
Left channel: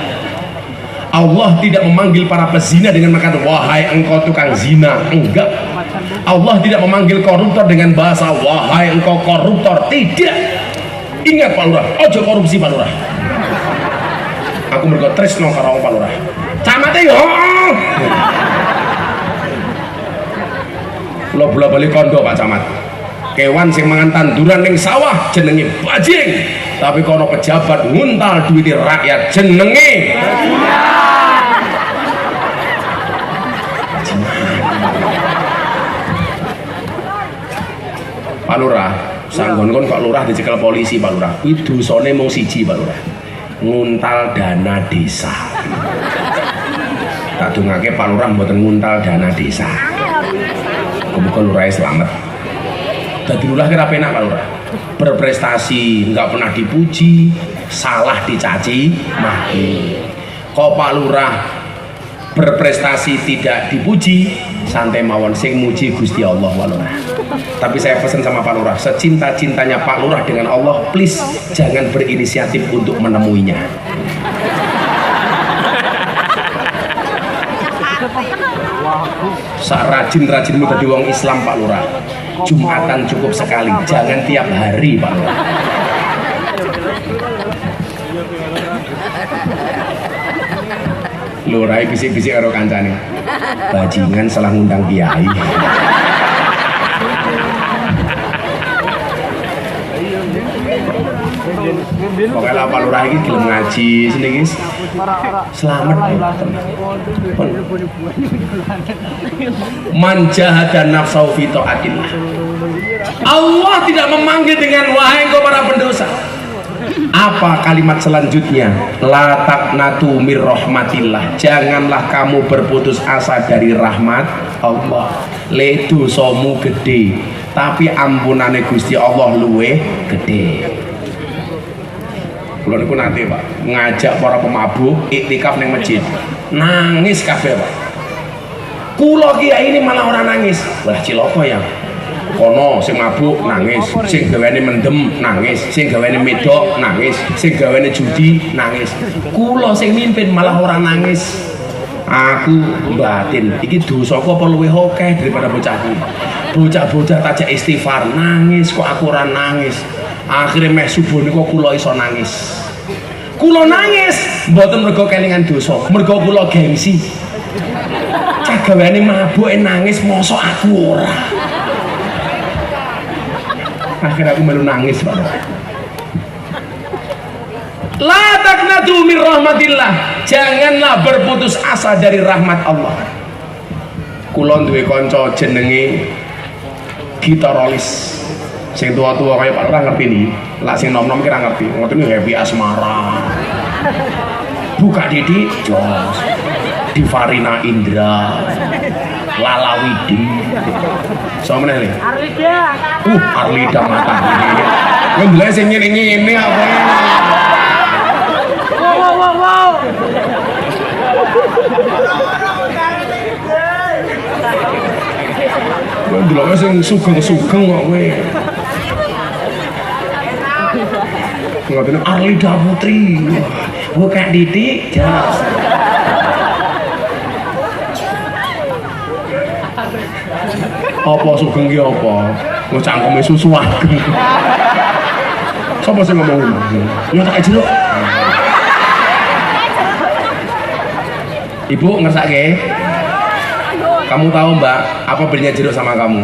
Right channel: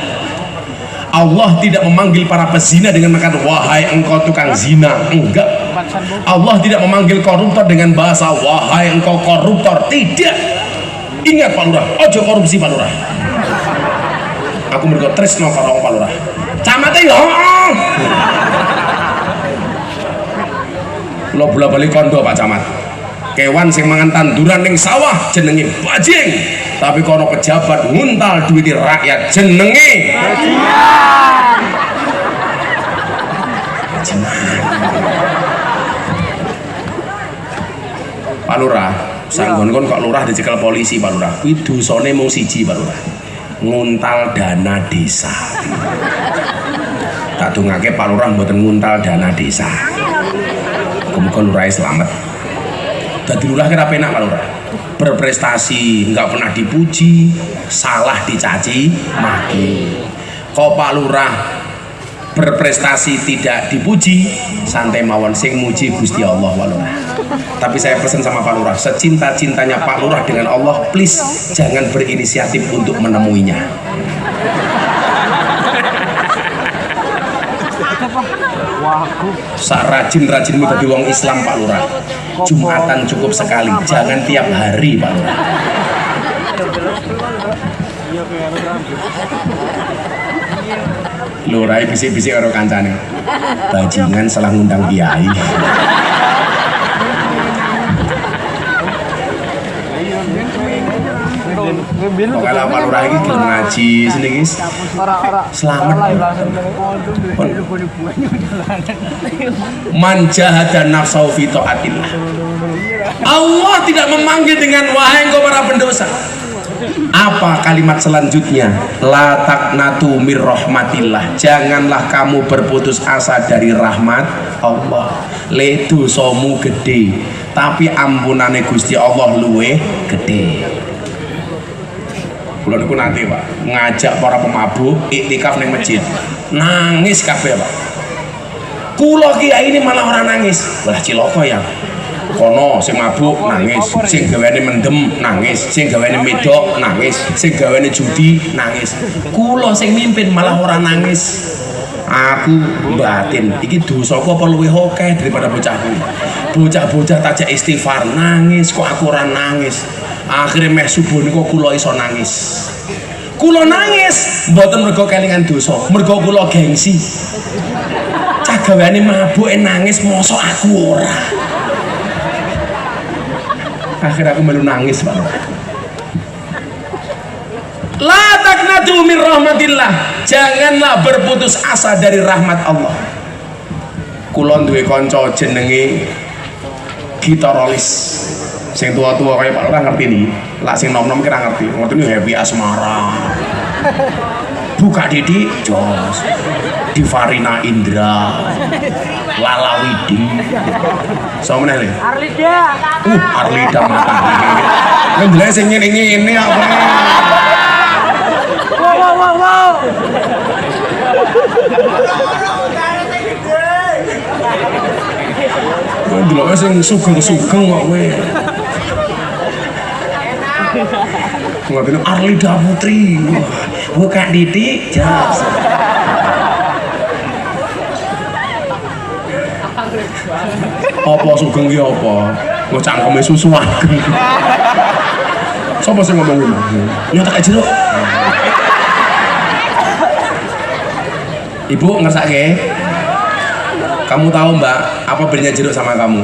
Allah tidak memanggil para pezina dengan mengatakan wahai engkau tukang zina, enggak. Allah tidak memanggil koruptor dengan bahasa wahai engkau koruptor, tidak. Ingat Pak Lurah, ojo korupsi Pak Lurah. Aku mergo tresno karo Pak Lurah. Camate yo. Lo bola-bali kondo Pak Camat. Kewan sing mangan tanduran ning sawah jenenge bajing. Tapi kono pejabat nguntal duit rakyat jenenge Pak Lurah, sanggon-gon kok lurah dicekel polisi Pak Lurah. Kuwi dosane mung siji Pak Lurah. Nguntal dana desa. Tak dongake Pak Lurah mboten nguntal dana desa. Muga-muga lurahe selamat. Dadi lurah kira penak Pak Lurah. Berprestasi nggak pernah dipuji, salah dicaci maki. Kok Pak Lurah berprestasi tidak dipuji, santai mawon, sing muji Gusti Allah walona. Tapi saya pesan sama Pak Lurah, secinta-cintanya Pak Lurah dengan Allah, please jangan berinisiatif untuk menemuinya. Sak rajin-rajinmu dadi wong Islam Pak Lurah, Jumatan cukup sekali, jangan tiap hari Pak Lurah. Lurah bisik-bisik karo kancane, bajingan salah ngundang kiai. Pokoknya Pak Lurah ini gelem ngaji sini guys, selamat. Man jahada nafsahu fi taatillah. Allah tidak memanggil dengan wahai engkau para pendosa. Apa kalimat selanjutnya? La taqnatu mir rahmatillah. Janganlah kamu berputus asa dari rahmat Allah. Le dosamu gede, tapi ampunane Gusti Allah luwe gede. Kula niku nate Pak, ngajak para pemabuk iktikaf ning masjid. Nangis kabeh Pak. Kula kiai ini malah orang nangis. Lah cilaka ya. Kono sing mabuk nangis, sing gaweane mendem nangis, sing gaweane medok nangis, sing gaweane judi nangis. Kula sing mimpin malah ora nangis. Aku batin, iki dosaku apa luwih akeh daripada bocahku. Bocah-bocah tajak istighfar nangis, kok aku ora nangis. Akhirnya meh subuh niku kula iso nangis. Kula nangis mboten mergo kelingan dosa, mergo kula gengsi. Cah gaweane mabuk nangis mosok aku ora. Akhirnya aku melu nangis Pak. La taqnatu min rahmatillah. Janganlah berputus asa dari rahmat Allah. Kula duwe kanca jenenge gitarolis. Sing tua-tua kaya Pak Lurah ngerti nih. Lah sing nom-nom kira ngerti. Ngoten iki Happy Asmara. Buka Didi Jos. Divarina Indra. Lala Widi. Sama meneh. Arlida. Arlida mata. Ngendele sing ngene-ngene apa. Ndelok sing sugeng-sugeng kok kowe. Ngoten Arlida Putri. Buka Didi Jos. Apa sugeng ki apa? Kok cangkeme susu ageng. Sapa sing ngomong ngono? Nyotek jeruk. Ibu ngersake. Kamu tahu Mbak, apa bedanya jeruk sama kamu?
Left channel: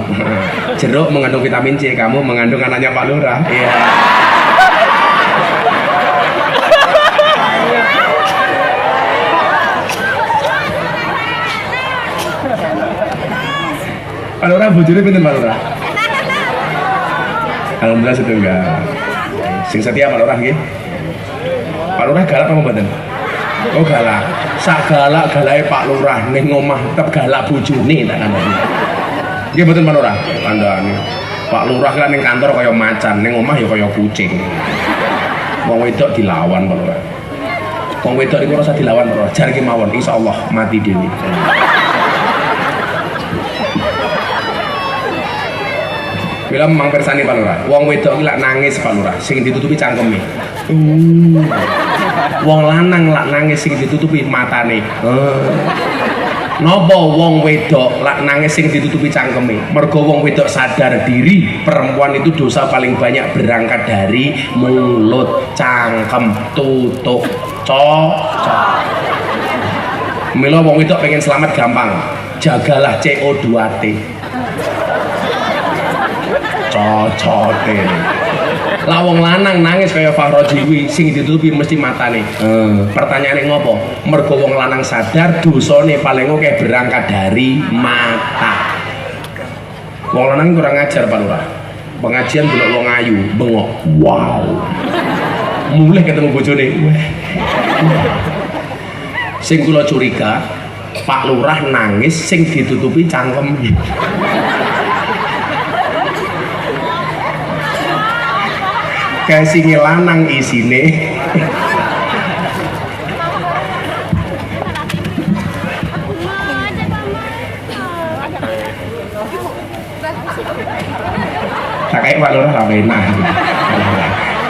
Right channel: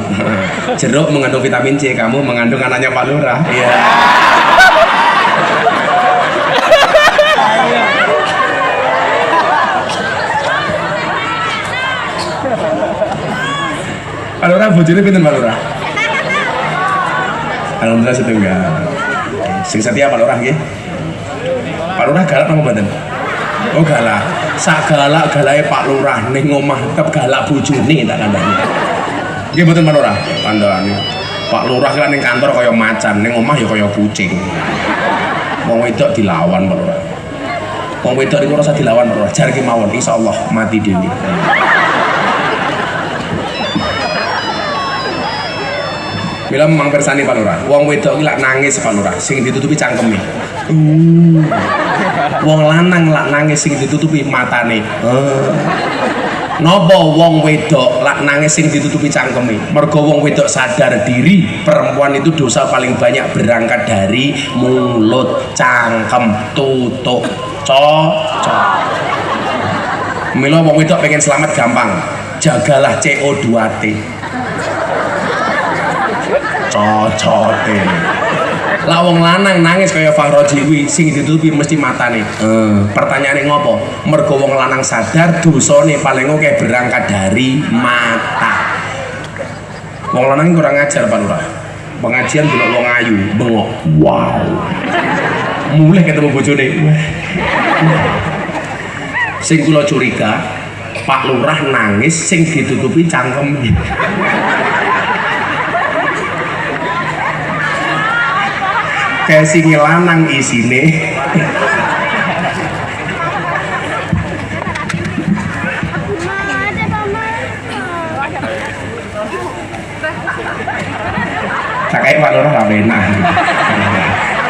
Jeruk mengandung vitamin C, kamu mengandung anaknya Pak Lurah. Iya. Pak Lurah bojone pinten Pak Lurah? Alhamdulillah setunggal. Sing setia Pak Lurah nggih. Pak Lurah galak apa mboten? Oh galak. Sak galak-galake Pak Lurah ning omah tetep galak bojone tak kandhani. Nggih mboten Pak Lurah? Kandhani. Pak Lurah kan ning kantor kaya macan, ning omah ya kaya kucing. Wong wedok dilawan Pak Lurah. Wong wedok niku ora usah dilawan Pak Lurah. Jar ki mawon insyaallah mati dhewe. Bila memang persani Pak Lurah, wong wedok iki lak nangis Pak Lurah, sing ditutupi cangkeme. Wong lanang lak nangis sing ditutupi matane. Napa wong wedok lak nangis sing ditutupi cangkeme? Mergo wong wedok sadar diri, perempuan itu dosa paling banyak berangkat dari mulut, cangkem, tutuk, cocok. Mila wong wedok pengen selamat gampang, jagalah CO2T. Cocote. Lah wong lanang nangis kaya Fahroji sing ditutupi mesti matane. Pertanyaane ngopo? Mergo wong lanang sadar dosane paling akeh berangkat dari mata. Wong lanang kurang ajar Pak Lurah. Pengajian delok wong ayu, bengok. Wow. Mulih ketemu bojone. Sing kula curiga, Pak Lurah nangis sing ditutupi cangkem. casing lanang isine. Tak kayak Pak Lurah lah enak.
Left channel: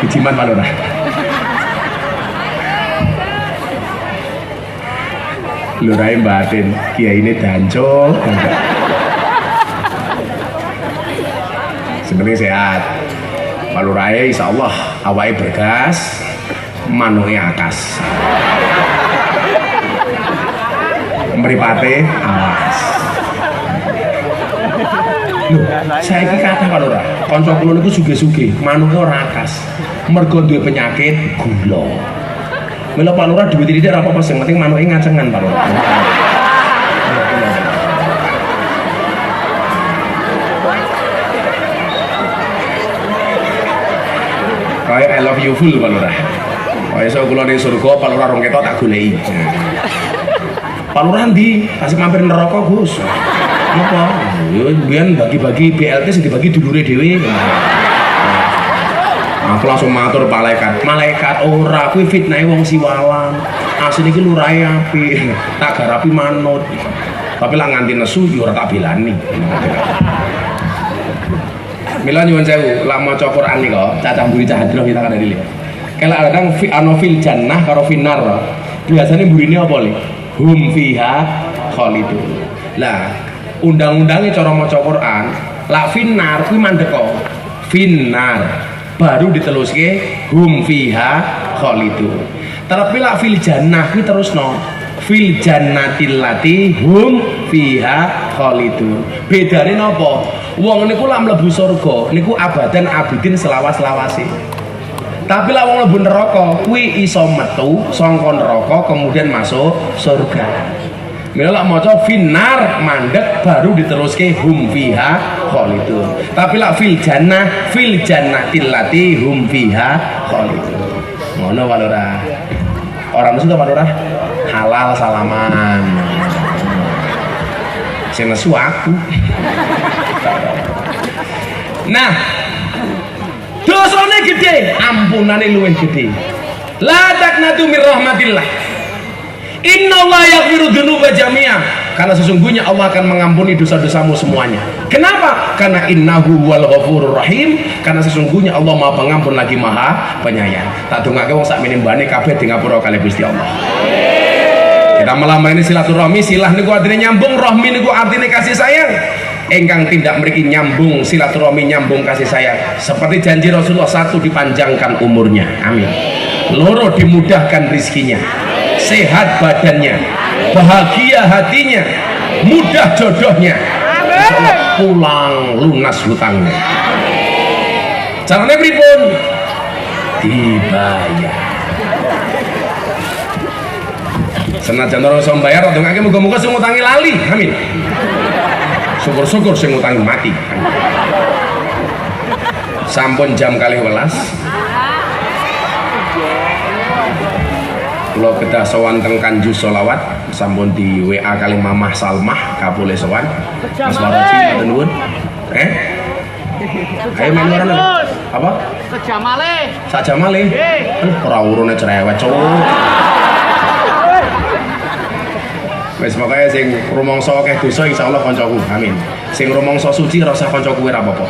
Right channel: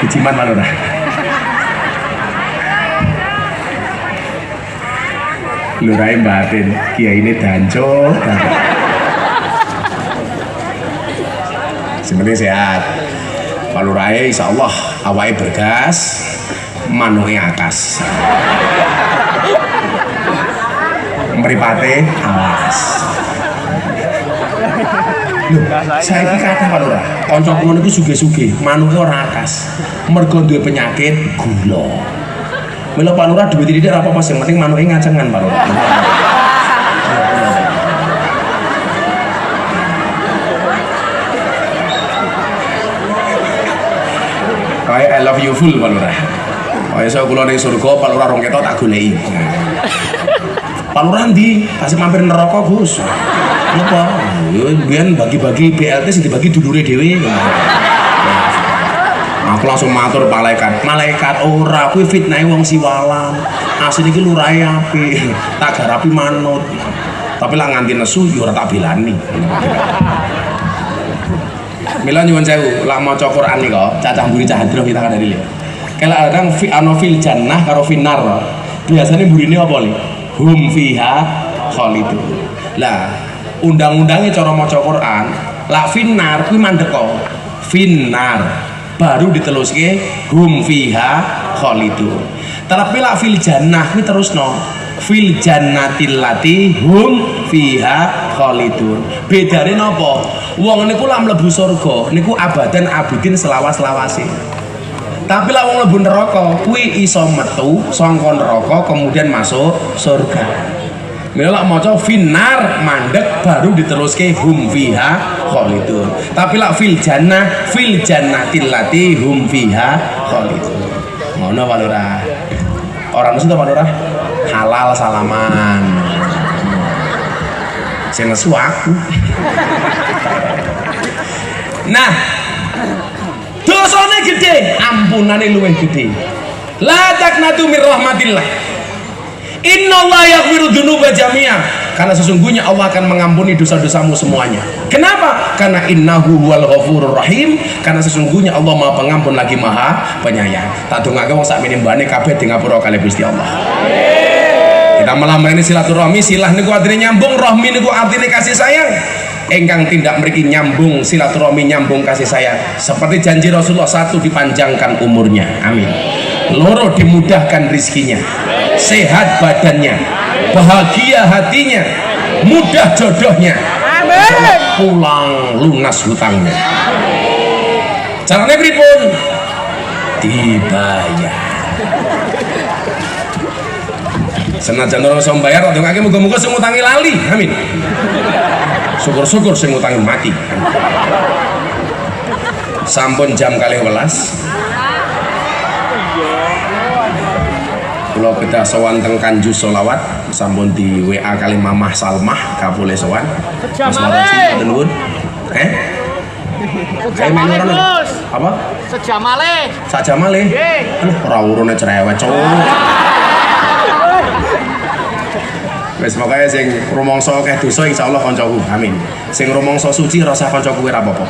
Ijiman Pak Lurah. Lurahin batin, kiai ini danco. Sebenarnya sehat. Pak Lurah insya Allah awalnya bergas, manunya akas. Meripate alas. Loh, saya ini kata Pak Lurah, konco kula niku sugih-sugih, manuke ora akas. Mergo duwe penyakit gula. Mila Pak Lurah duwe titik ora apa-apa, sing penting manuke ngacengan Pak Lurah. Kayak I love you full Pak Lurah. Kayak saya kula ning surga, Pak Lurah rong ketok tak goleki. Pak Lurah ndi? Kasih mampir neraka, Gus. Apa? Biyen bagi-bagi BLT sing dibagi dulure dhewe. Aku langsung matur malaikat ora kuwi fitnahe wong siwalan. Asline iki lurahe apik, tak garapi manut. Tapi lah nganti nesu yo ora tak belani. Mila nyuwun sewu, lak maca Quran iki kok cacah mburi cah hadroh kita kan dari. Kala kadang fi anofil jannah karo finar. Biasane mburine apa li? Hum fiha khalidun. Lah undang-undangnya cara maca Quran la finnar kuwi mandeko finnar baru diteluske hum fiha khalidun tapi la fil jannah kuwi terusno fil jannatil lati hum fiha khalidun. Bedane napa? Wong niku lak mlebu surga niku abadan abidin selawas-lawase, tapi lak wong mlebu neraka kuwi iso metu saka neraka kemudian masuk surga. Mila maca finnar mandek baru diteruske hum fiha khalidun. Tapi lak fil jannatil lati hum fiha khalidun. Ngono Pak Lurah. Ora mesti to Pak Lurah. Halal salaman. Sing nesu aku. Nah, dosane gede, ampunane luwih gede. La taqnatu mir rahmatillah. Innallaha yaghfiru dzunuba jami'an. Karena sesungguhnya Allah akan mengampuni dosa-dosamu semuanya. Kenapa? Karena innahu huwal ghafurur rahim. Karena sesungguhnya Allah Maha Pengampun lagi Maha Penyayang. Tak dongake wong sak menimbane kabeh di ngapura kali Gusti Allah. Kita melambani silaturahmi, silah niku artine nyambung, rahmi niku artine kasih sayang. Engkang tindak mriki nyambung silaturahmi, nyambung kasih sayang. Seperti janji Rasulullah, satu dipanjangkan umurnya. Amin. Loro dimudahkan rizkinya. Sehat badannya, bahagia hatinya, mudah jodohnya, pulang lunas hutangnya. Caranya pripun? Dibayar. Senajan ora iso bayar, ndongake muga-muga sing ngutangi lali. Amin. Syukur-syukur sing ngutangi mati. Sampun jam 12:00. Kalau kita sowan teng Kanjus Solawat sampun di WA kali Mamah Salmah kapoleh sowan Mas Waroji matur nuwun. Ayo main warono. Apa? Sejamale. Sakjamale. Ora urune cerewet cowok. Wis pokoke sing rumangsa akeh dosa insyaallah kancaku. Amin. Sing rumangsa suci rasa kancaku ora apa-apa.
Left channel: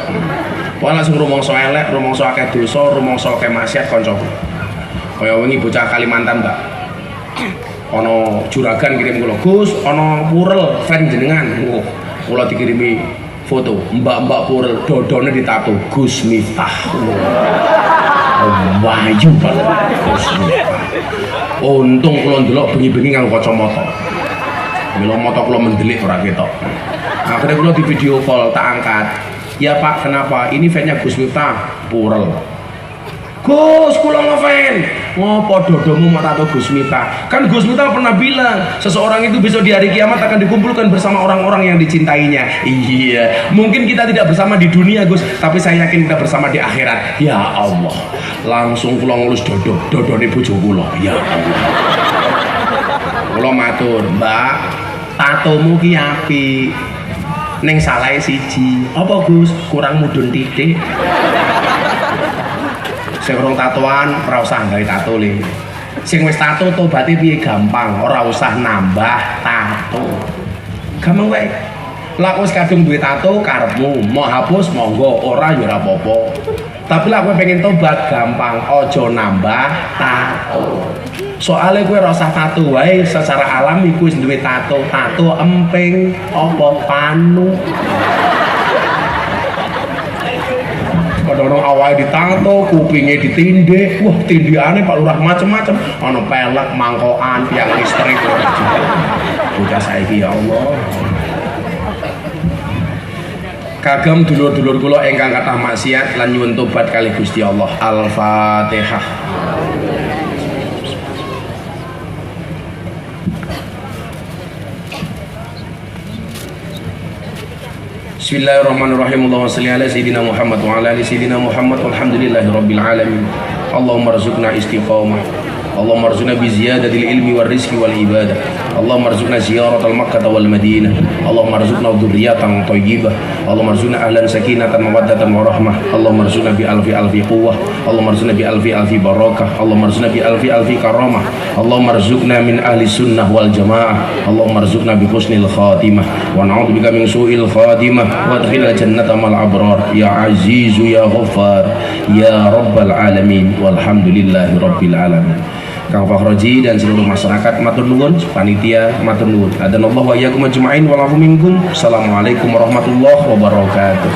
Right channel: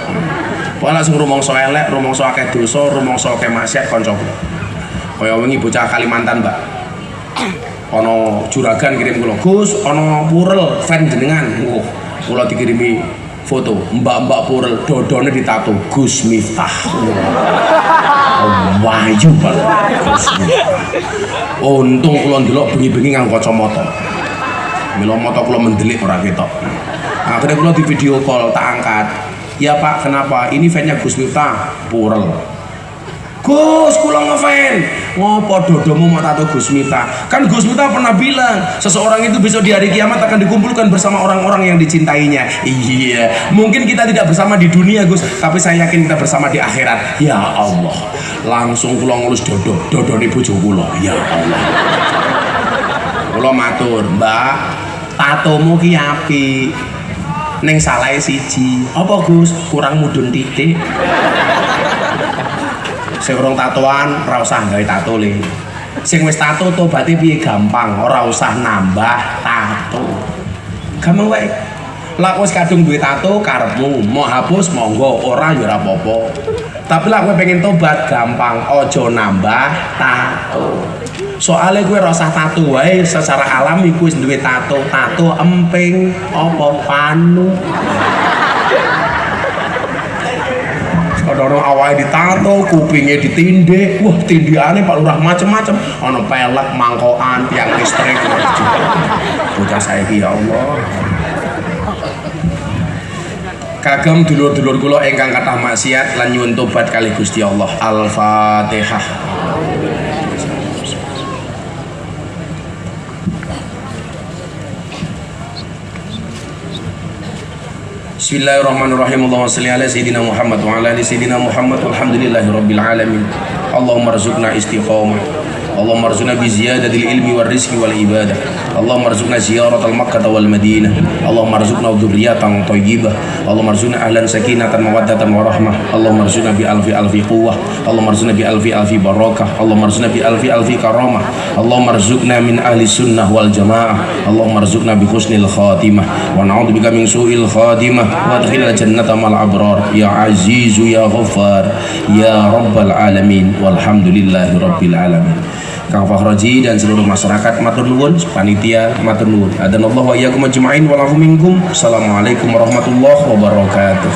Wala sing rumangsa elek, rumangsa akeh dosa, rumangsa akeh maksiat kancaku. Kaya wingi bocah Kalimantan, Mbak. Ono juragan kirim kula, Gus, ono purel fan jenengan. Kula dikirimi foto, mbak-mbak purel dodone ditato Gus Miftah. Wahyu banget Gus Miftah. Untung kula ndelok bengi-bengi nganggo kacamata. Mila mata kula mendelik ora ketok. Akhirnya kula di video call tak angkat. Ya Pak, kenapa? Ini fan-nya Gus Miftah purel. Gus, kula ngefan. Ngopo dodomu mata tato Gus Miftah? Kan Gus Miftah pernah bilang, seseorang itu besok di hari kiamat akan dikumpulkan bersama orang-orang yang dicintainya. Iya, mungkin kita tidak bersama di dunia Gus, tapi saya yakin kita bersama di akhirat. Ya Allah, langsung kula ngulus dodone bojo kula. Ya Allah. Kula matur, Mbak, tatomu ki apik. Ning salahe siji. Apa Gus? Kurang mudhun titik. Sing urung tatoan ora usah gawe tato le. Sing wis tato tobaté piye gampang, ora usah nambah tato. Gampang wae. Lah wis kadung duwe tato karepmu, mau hapus monggo, ora ya ora apa-apa. Tapi lah kowe pengen tobat gampang, aja nambah tato. Soale kowe ora usah tato wae, secara alami kowe wis duwe tato, tato emping apa panu. Orang awalnya ditato, kupingnya ditindih, wah tindihannya Pak Lurah macem-macem, ono pelek, mangkokan, tiang listrik, bocah saiki ya Allah. Kagem dulur-dulur kula ingkang kathah maksiat lan nyuwun tobat kalih Gusti Allah. Al-Fatihah. Bismillahirrahmanirrahim. Allahumma shalli ala sayyidina Muhammad wa ala ali sayyidina Muhammad walhamdulillahi rabbil alamin. Allahumma rzuqna istiqamah. Allahumma rzuqna bi ziyadatil ilmi war rizqi wal ibadah. Allahumma rzuqna ziyaratal Makkah wal Madinah. Allahumma rzuqna dzurriyyatan thayyibah. Allahumma rzuqna ahlan sakinatan mawaddatan wa rahmah. Allahumma rzuqna bi alfi quwwah. Allahumma rzuqna bi alfi barakah. Allahumma rzuqna bi alfi karamah. Allahumma rzuqna min ahli sunnah wal jamaah. Allahumma rzuqna bi husnil khatimah wa na'udzubika min su'il khatimah wa adkhilna jannata mal abrar ya azizu ya ghaffar ya rabbal alamin walhamdulillahi rabbil alamin. Kang Fakhroji dan seluruh masyarakat matur nuwun, panitia matur nuwun. Adanallahu wa iyyakum ajma'in wa lafu minkum. Assalamualaikum warahmatullahi wabarakatuh.